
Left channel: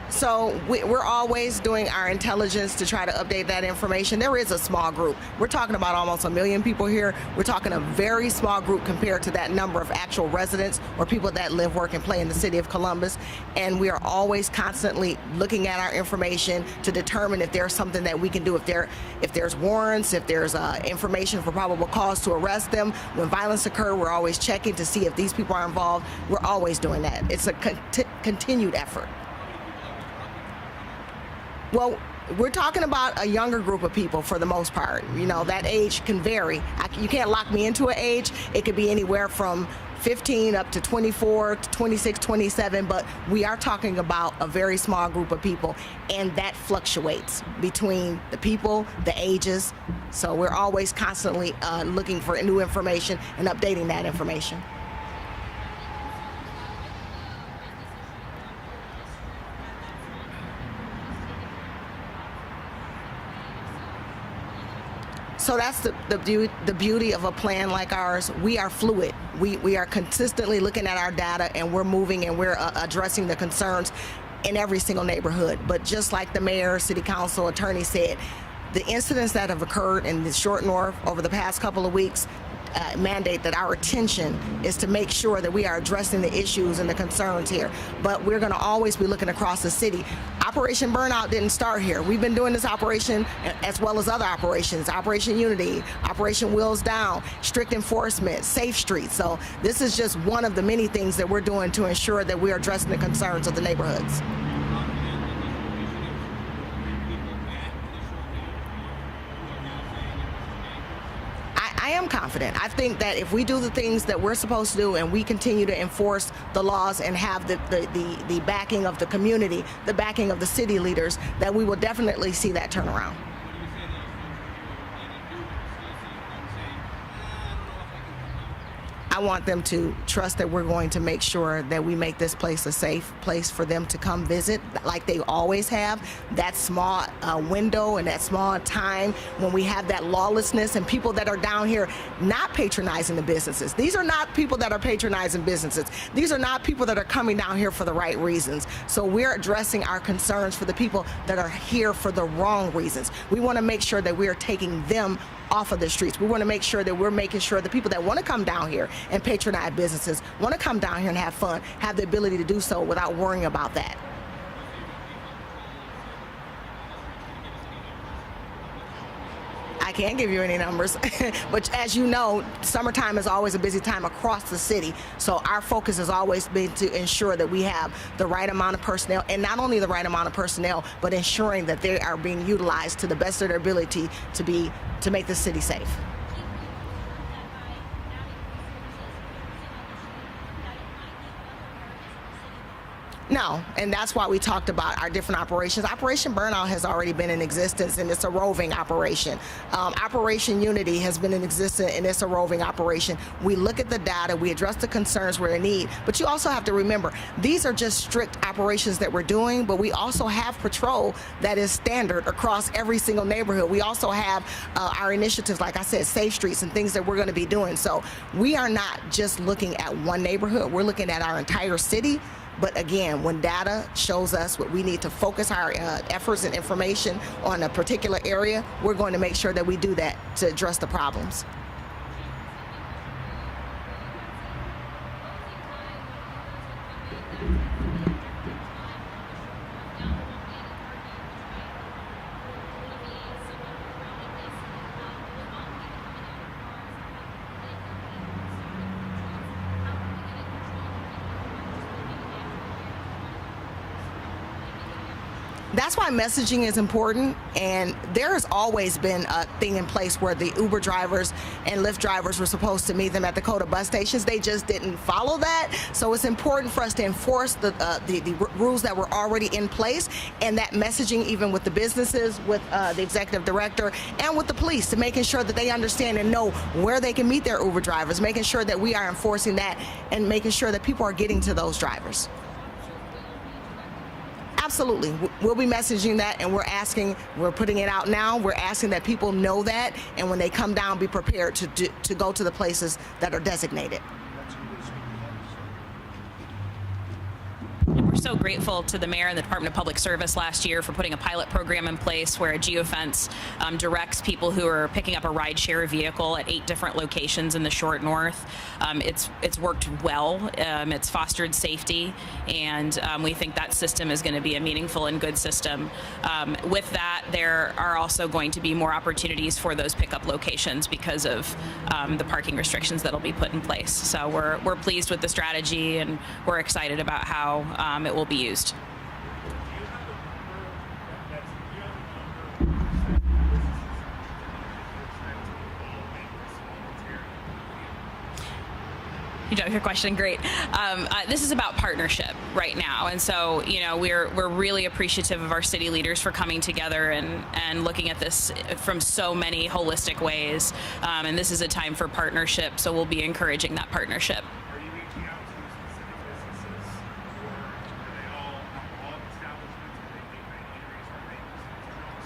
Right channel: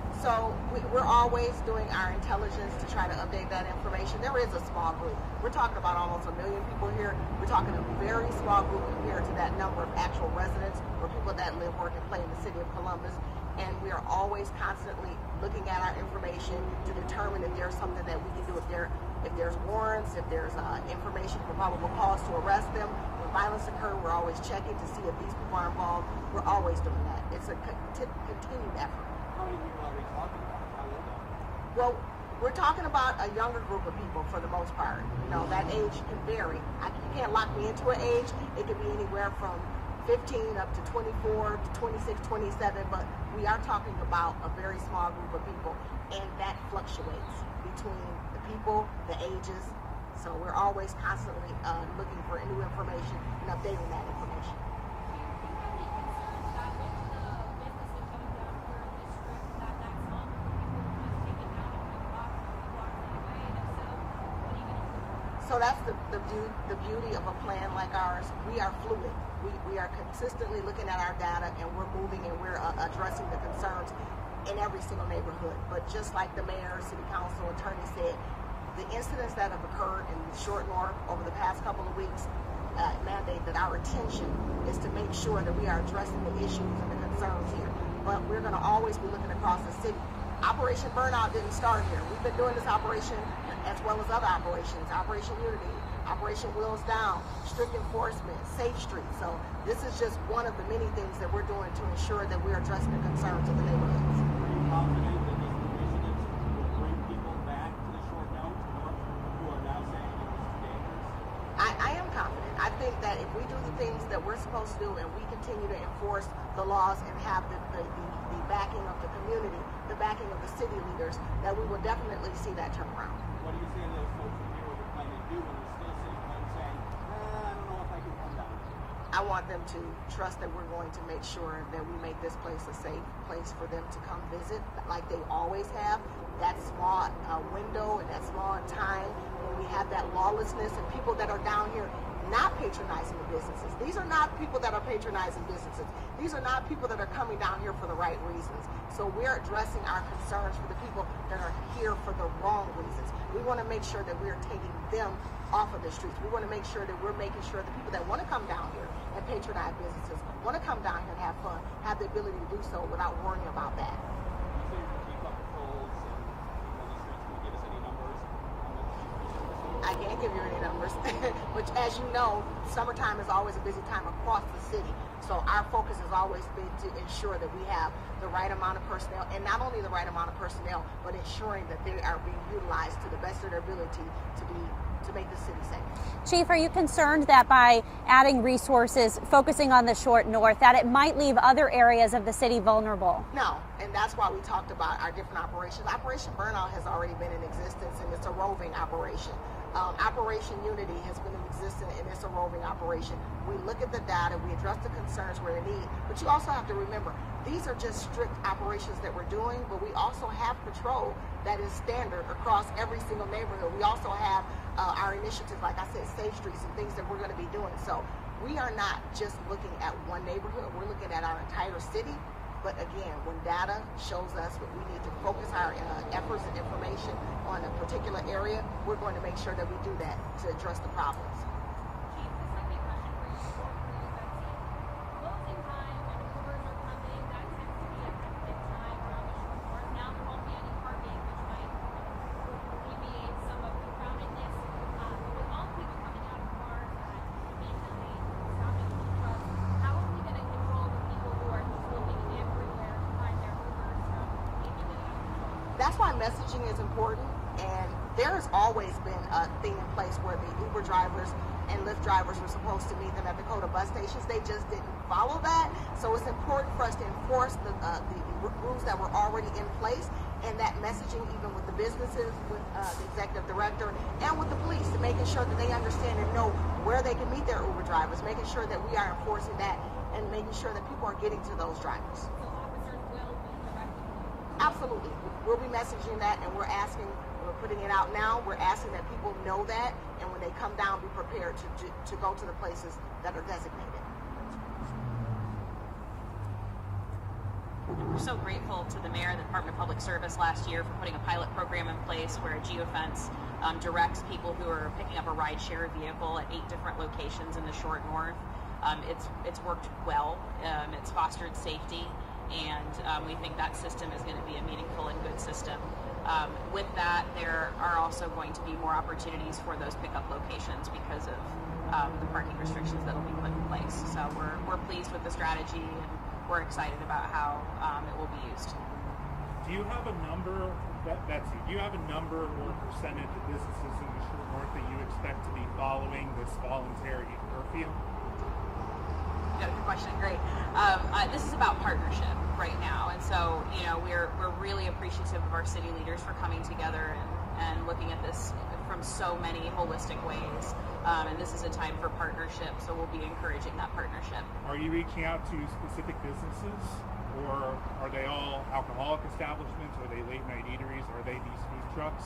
So we're always doing our intelligence to try to update that information. There is a small group. We're talking about almost 1 million people here. We're talking a very small group compared to that number of actual residents or people that live, work, and play in the city of Columbus. And we are always constantly looking at our information to determine if there's something that we can do, if there's warrants, if there's information for probable cause to arrest them. When violence occurs, we're always checking to see if these people are involved. We're always doing that. It's a continued effort. Well, we're talking about a younger group of people for the most part. You know, that age can vary. You can't lock me into an age. It could be anywhere from 15 up to 24 to 26, 27, but we are talking about a very small group of people, and that fluctuates between the people, the ages. So we're always constantly looking for new information and updating that information. So that's the beauty of a plan like ours. We are fluid. We are consistently looking at our data, and we're moving, and we're addressing the concerns in every single neighborhood. But just like the mayor, city council, attorney said, the incidents that have occurred in the short north over the past couple of weeks mandate that our attention is to make sure that we are addressing the issues and the concerns here. But we're going to always be looking across the city. Operation Burnout didn't start here. We've been doing this operation as well as other operations, Operation Unity, Operation Wheels Down, strict enforcement, safe streets. So this is just one of the many things that we're doing to ensure that we're addressing the concerns of the neighborhoods. am confident. I think that if we do the things that we're supposed to do and we continue to enforce the laws and have the backing of the community, the backing of the city leaders, that we will definitely see that turnaround. What do you say to those folks who hear what you're planning to do? They're still sitting home saying, I don't know if I can come down. I want them to trust that we're going to make sure that we make this place a safe place for them to come visit, like they always have. That small window and that small time when we have that lawlessness and people that are down here not patronizing the businesses. These are not people that are patronizing businesses. These are not people that are coming down here for the right reasons. So we're addressing our concerns for the people that are here for the wrong reasons. We want to make sure that we are taking them off of the streets. We want to make sure that we're making sure the people that want to come down here and patronize businesses, want to come down here and have fun, have the ability to do so without worrying about that. I can't give you any numbers, but as you know, summertime is always a busy time across the city. So our focus has always been to ensure that we have the right amount of personnel, and not only the right amount of personnel, but ensuring that they are being utilized to the best of their ability to make the city safe. Chief, are you concerned that by adding resources, focusing on the short north, that it might leave other areas of the city vulnerable? No, and that's why we talked about our different operations. Operation Burnout has already been in existence, and it's a roving operation. Operation Unity has been in existence, and it's a roving operation. We look at the data, we address the concerns where they need, but you also have to remember, these are just strict operations that we're doing, but we also have patrol that is standard across every single neighborhood. We also have our initiatives, like I said, Safe Streets and things that we're going to be doing. So we are not just looking at one neighborhood, we're looking at our entire city. But again, when data shows us what we need to focus our efforts and information on a particular area, we're going to make sure that we do that to address the problems. That's why messaging is important, and there has always been a thing in place where the Uber drivers and Lyft drivers were supposed to meet them at the Coda bus stations. They just didn't follow that, so it's important for us to enforce the rules that were already in place, and that messaging even with the businesses, with the executive director, and with the police, to making sure that they understand and know where they can meet their Uber drivers, making sure that we are enforcing that and making sure that people are getting to those drivers. Absolutely. We'll be messaging that, and we're putting it out now. We're asking that people know that, and when they come down, be prepared to go to the places that are designated. We're so grateful to the mayor and the Department of Public Service last year for putting a pilot program in place where a geofence directs people who are picking up a rideshare vehicle at 8 different locations in the short north. It's worked well. It's fostered safety, and we think that system is going to be a meaningful and good system. With that, there are also going to be more opportunities for those pickup locations because of the parking restrictions that'll be put in place. So we're pleased with the strategy, and we're excited about how it will be used. Do you have a number do you have a number or percentage of businesses in the north that you expect to be following this voluntary curfew? You know, your question, great. This is about partnership right now, and so we're really appreciative of our city leaders for coming together and looking at this from so many holistic ways. And this is a time for partnership, so we'll be encouraging that partnership. Are you reaching out to specific businesses, or are they all alcoholic establishments? Are they late night eateries? Are they food trucks?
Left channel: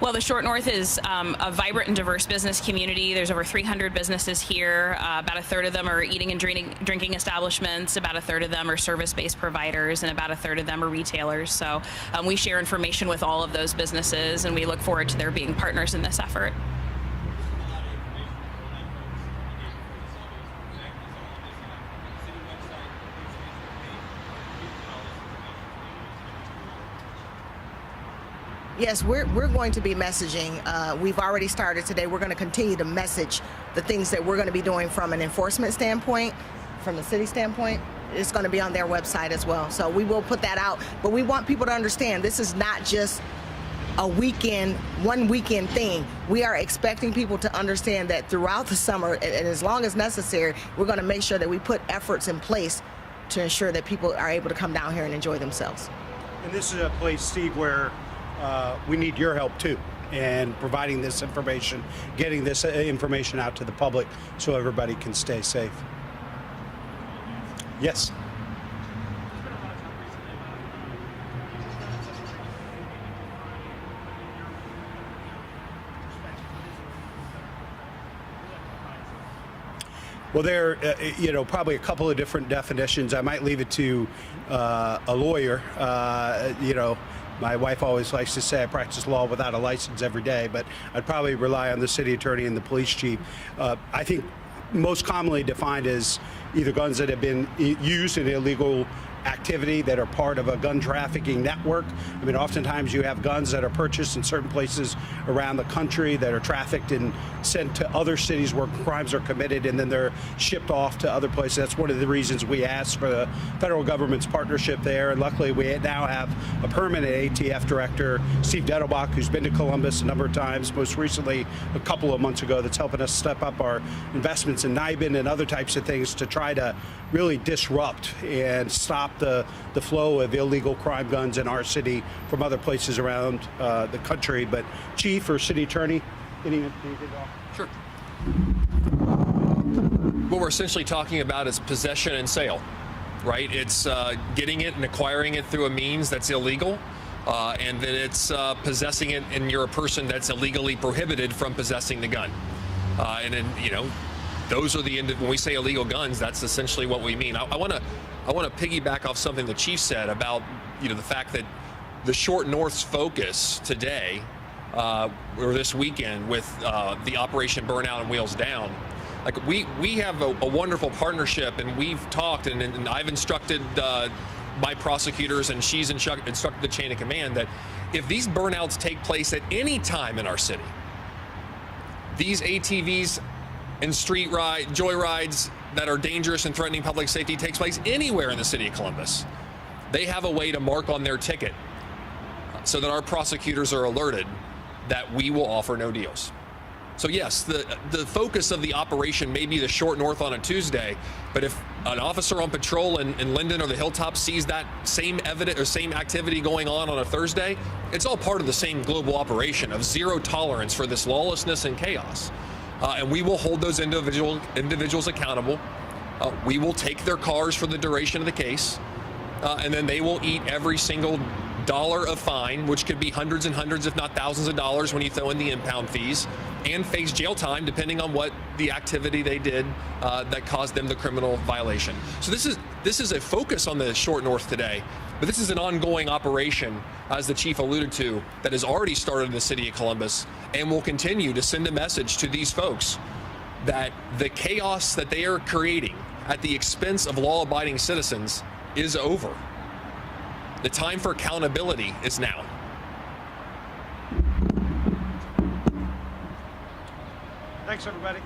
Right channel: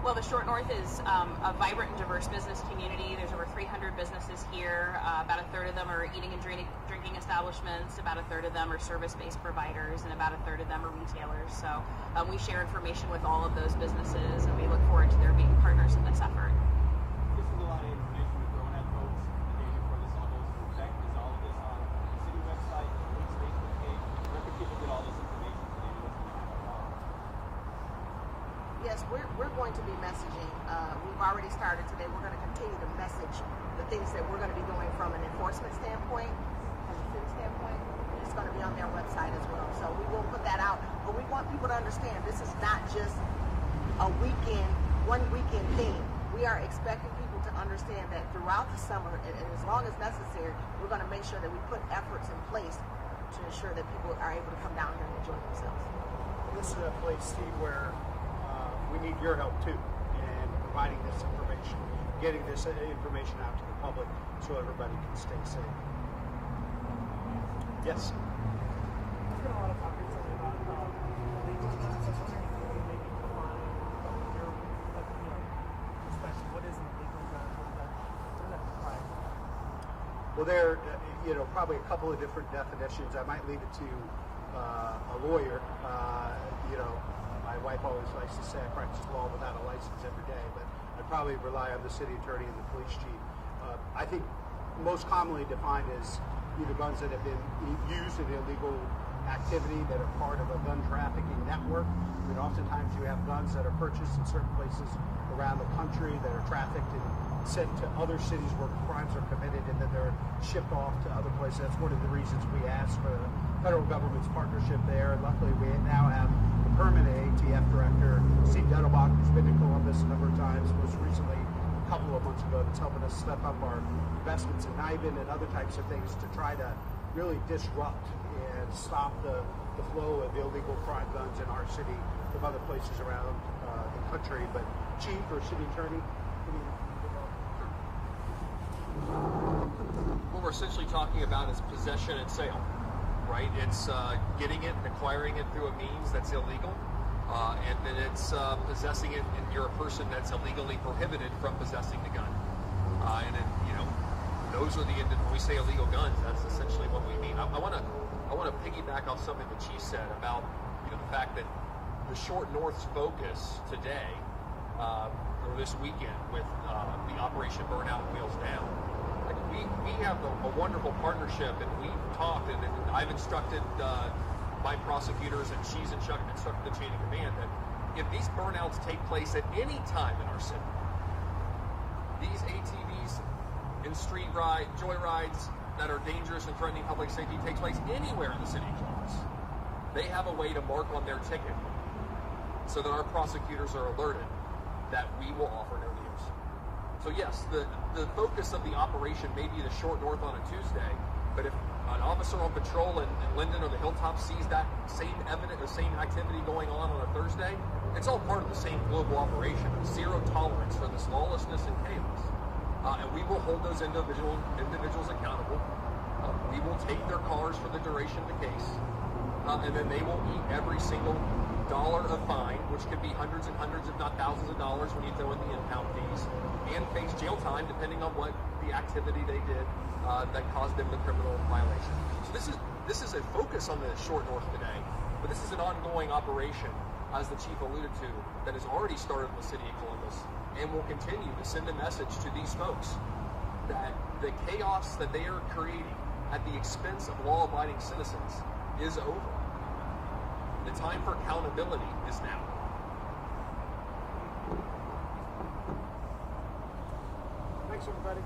Well, the Short North is a vibrant and diverse business community. There's over 300 businesses here. About a third of them are eating and drinking establishments. About a third of them are service-based providers, and about a third of them are retailers. So we share information with all of those businesses, and we look forward to their being partners in this effort. Yes, we're going to be messaging. We've already started today. We're going to continue to message the things that we're going to be doing from an enforcement standpoint, from the city standpoint. It's going to be on their website as well. So we will put that out. But we want people to understand this is not just one weekend thing. We are expecting people to understand that throughout the summer, and as long as necessary, we're going to make sure that we put efforts in place to ensure that people are able to come down here and enjoy themselves. And this is a place, Steve, where we need your help too, in providing this information, getting this information out to the public so everybody can stay safe. Yes. Well, there, probably a couple of different definitions. I might leave it to a lawyer. My wife always likes to say I practice law without a license every day, but I'd probably rely on the city attorney and the police chief. I think most commonly defined as either guns that have been used in illegal activity that are part of a gun trafficking network. I mean, oftentimes you have guns that are purchased in certain places around the country that are trafficked and sent to other cities where crimes are committed, and then they're shipped off to other places. That's one of the reasons we asked for the federal government's partnership there, and luckily we now have a permanent ATF director, Steve Dettelbach, who's been to Columbus a number of times, most recently a couple of months ago, that's helping us step up our investments in NIBIN and other types of things to try to really disrupt and stop the flow of illegal crime guns in our city from other places around the country. But Chief or City Attorney, anything at all? Sure. What we're essentially talking about is possession and sale, right? It's getting it and acquiring it through a means that's illegal, and that it's possessing it, and you're a person that's illegally prohibited from possessing the gun. And then, those are when we say illegal guns, that's essentially what we mean. I want to piggyback off something the chief said about the fact that the Short North's focus today or this weekend with the Operation Burnout and Wheels Down. Like we have a wonderful partnership, and we've talked, and I've instructed my prosecutors, and she's instructed the chain of command that if these burnouts take place at any time in our city, these ATVs and joyrides that are dangerous and threatening public safety takes place anywhere in the city of Columbus, they have a way to mark on their ticket so that our prosecutors are alerted that we will offer no deals. So yes, the focus of the operation may be the Short North on a Tuesday, but if an officer on patrol in Linden or the Hilltop sees that same evidence or same activity going on a Thursday, it's all part of the same global operation of zero tolerance for this lawlessness and chaos. And we will hold those individuals accountable. We will take their cars for the duration of the case, and then they will eat every single dollar of fine, which could be hundreds and hundreds, if not thousands of dollars when you throw in the impound fees, and face jail time depending on what the activity they did that caused them the criminal violation. So this is a focus on the Short North today, but this is an ongoing operation, as the chief alluded to, that has already started in the city of Columbus and will continue to send a message to these folks that the chaos that they are creating at the expense of law-abiding citizens is over. The time for accountability is now. Thanks, everybody.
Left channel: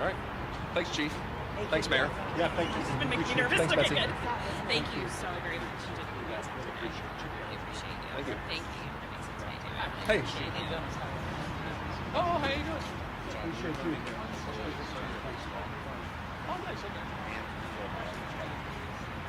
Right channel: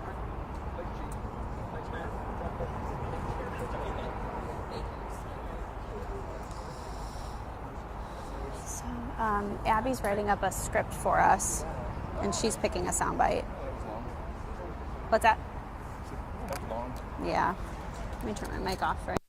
All right. Thanks, Chief. Thanks, Mayor. Yeah, thank you. It's been making me nervous. Thanks, Okay, Betsy. good. Thank you so very much. I appreciate you. Thanks. Abby's writing up a script for us, and she's picking a soundbite. What's that? Yeah. Let me turn my mic off for it.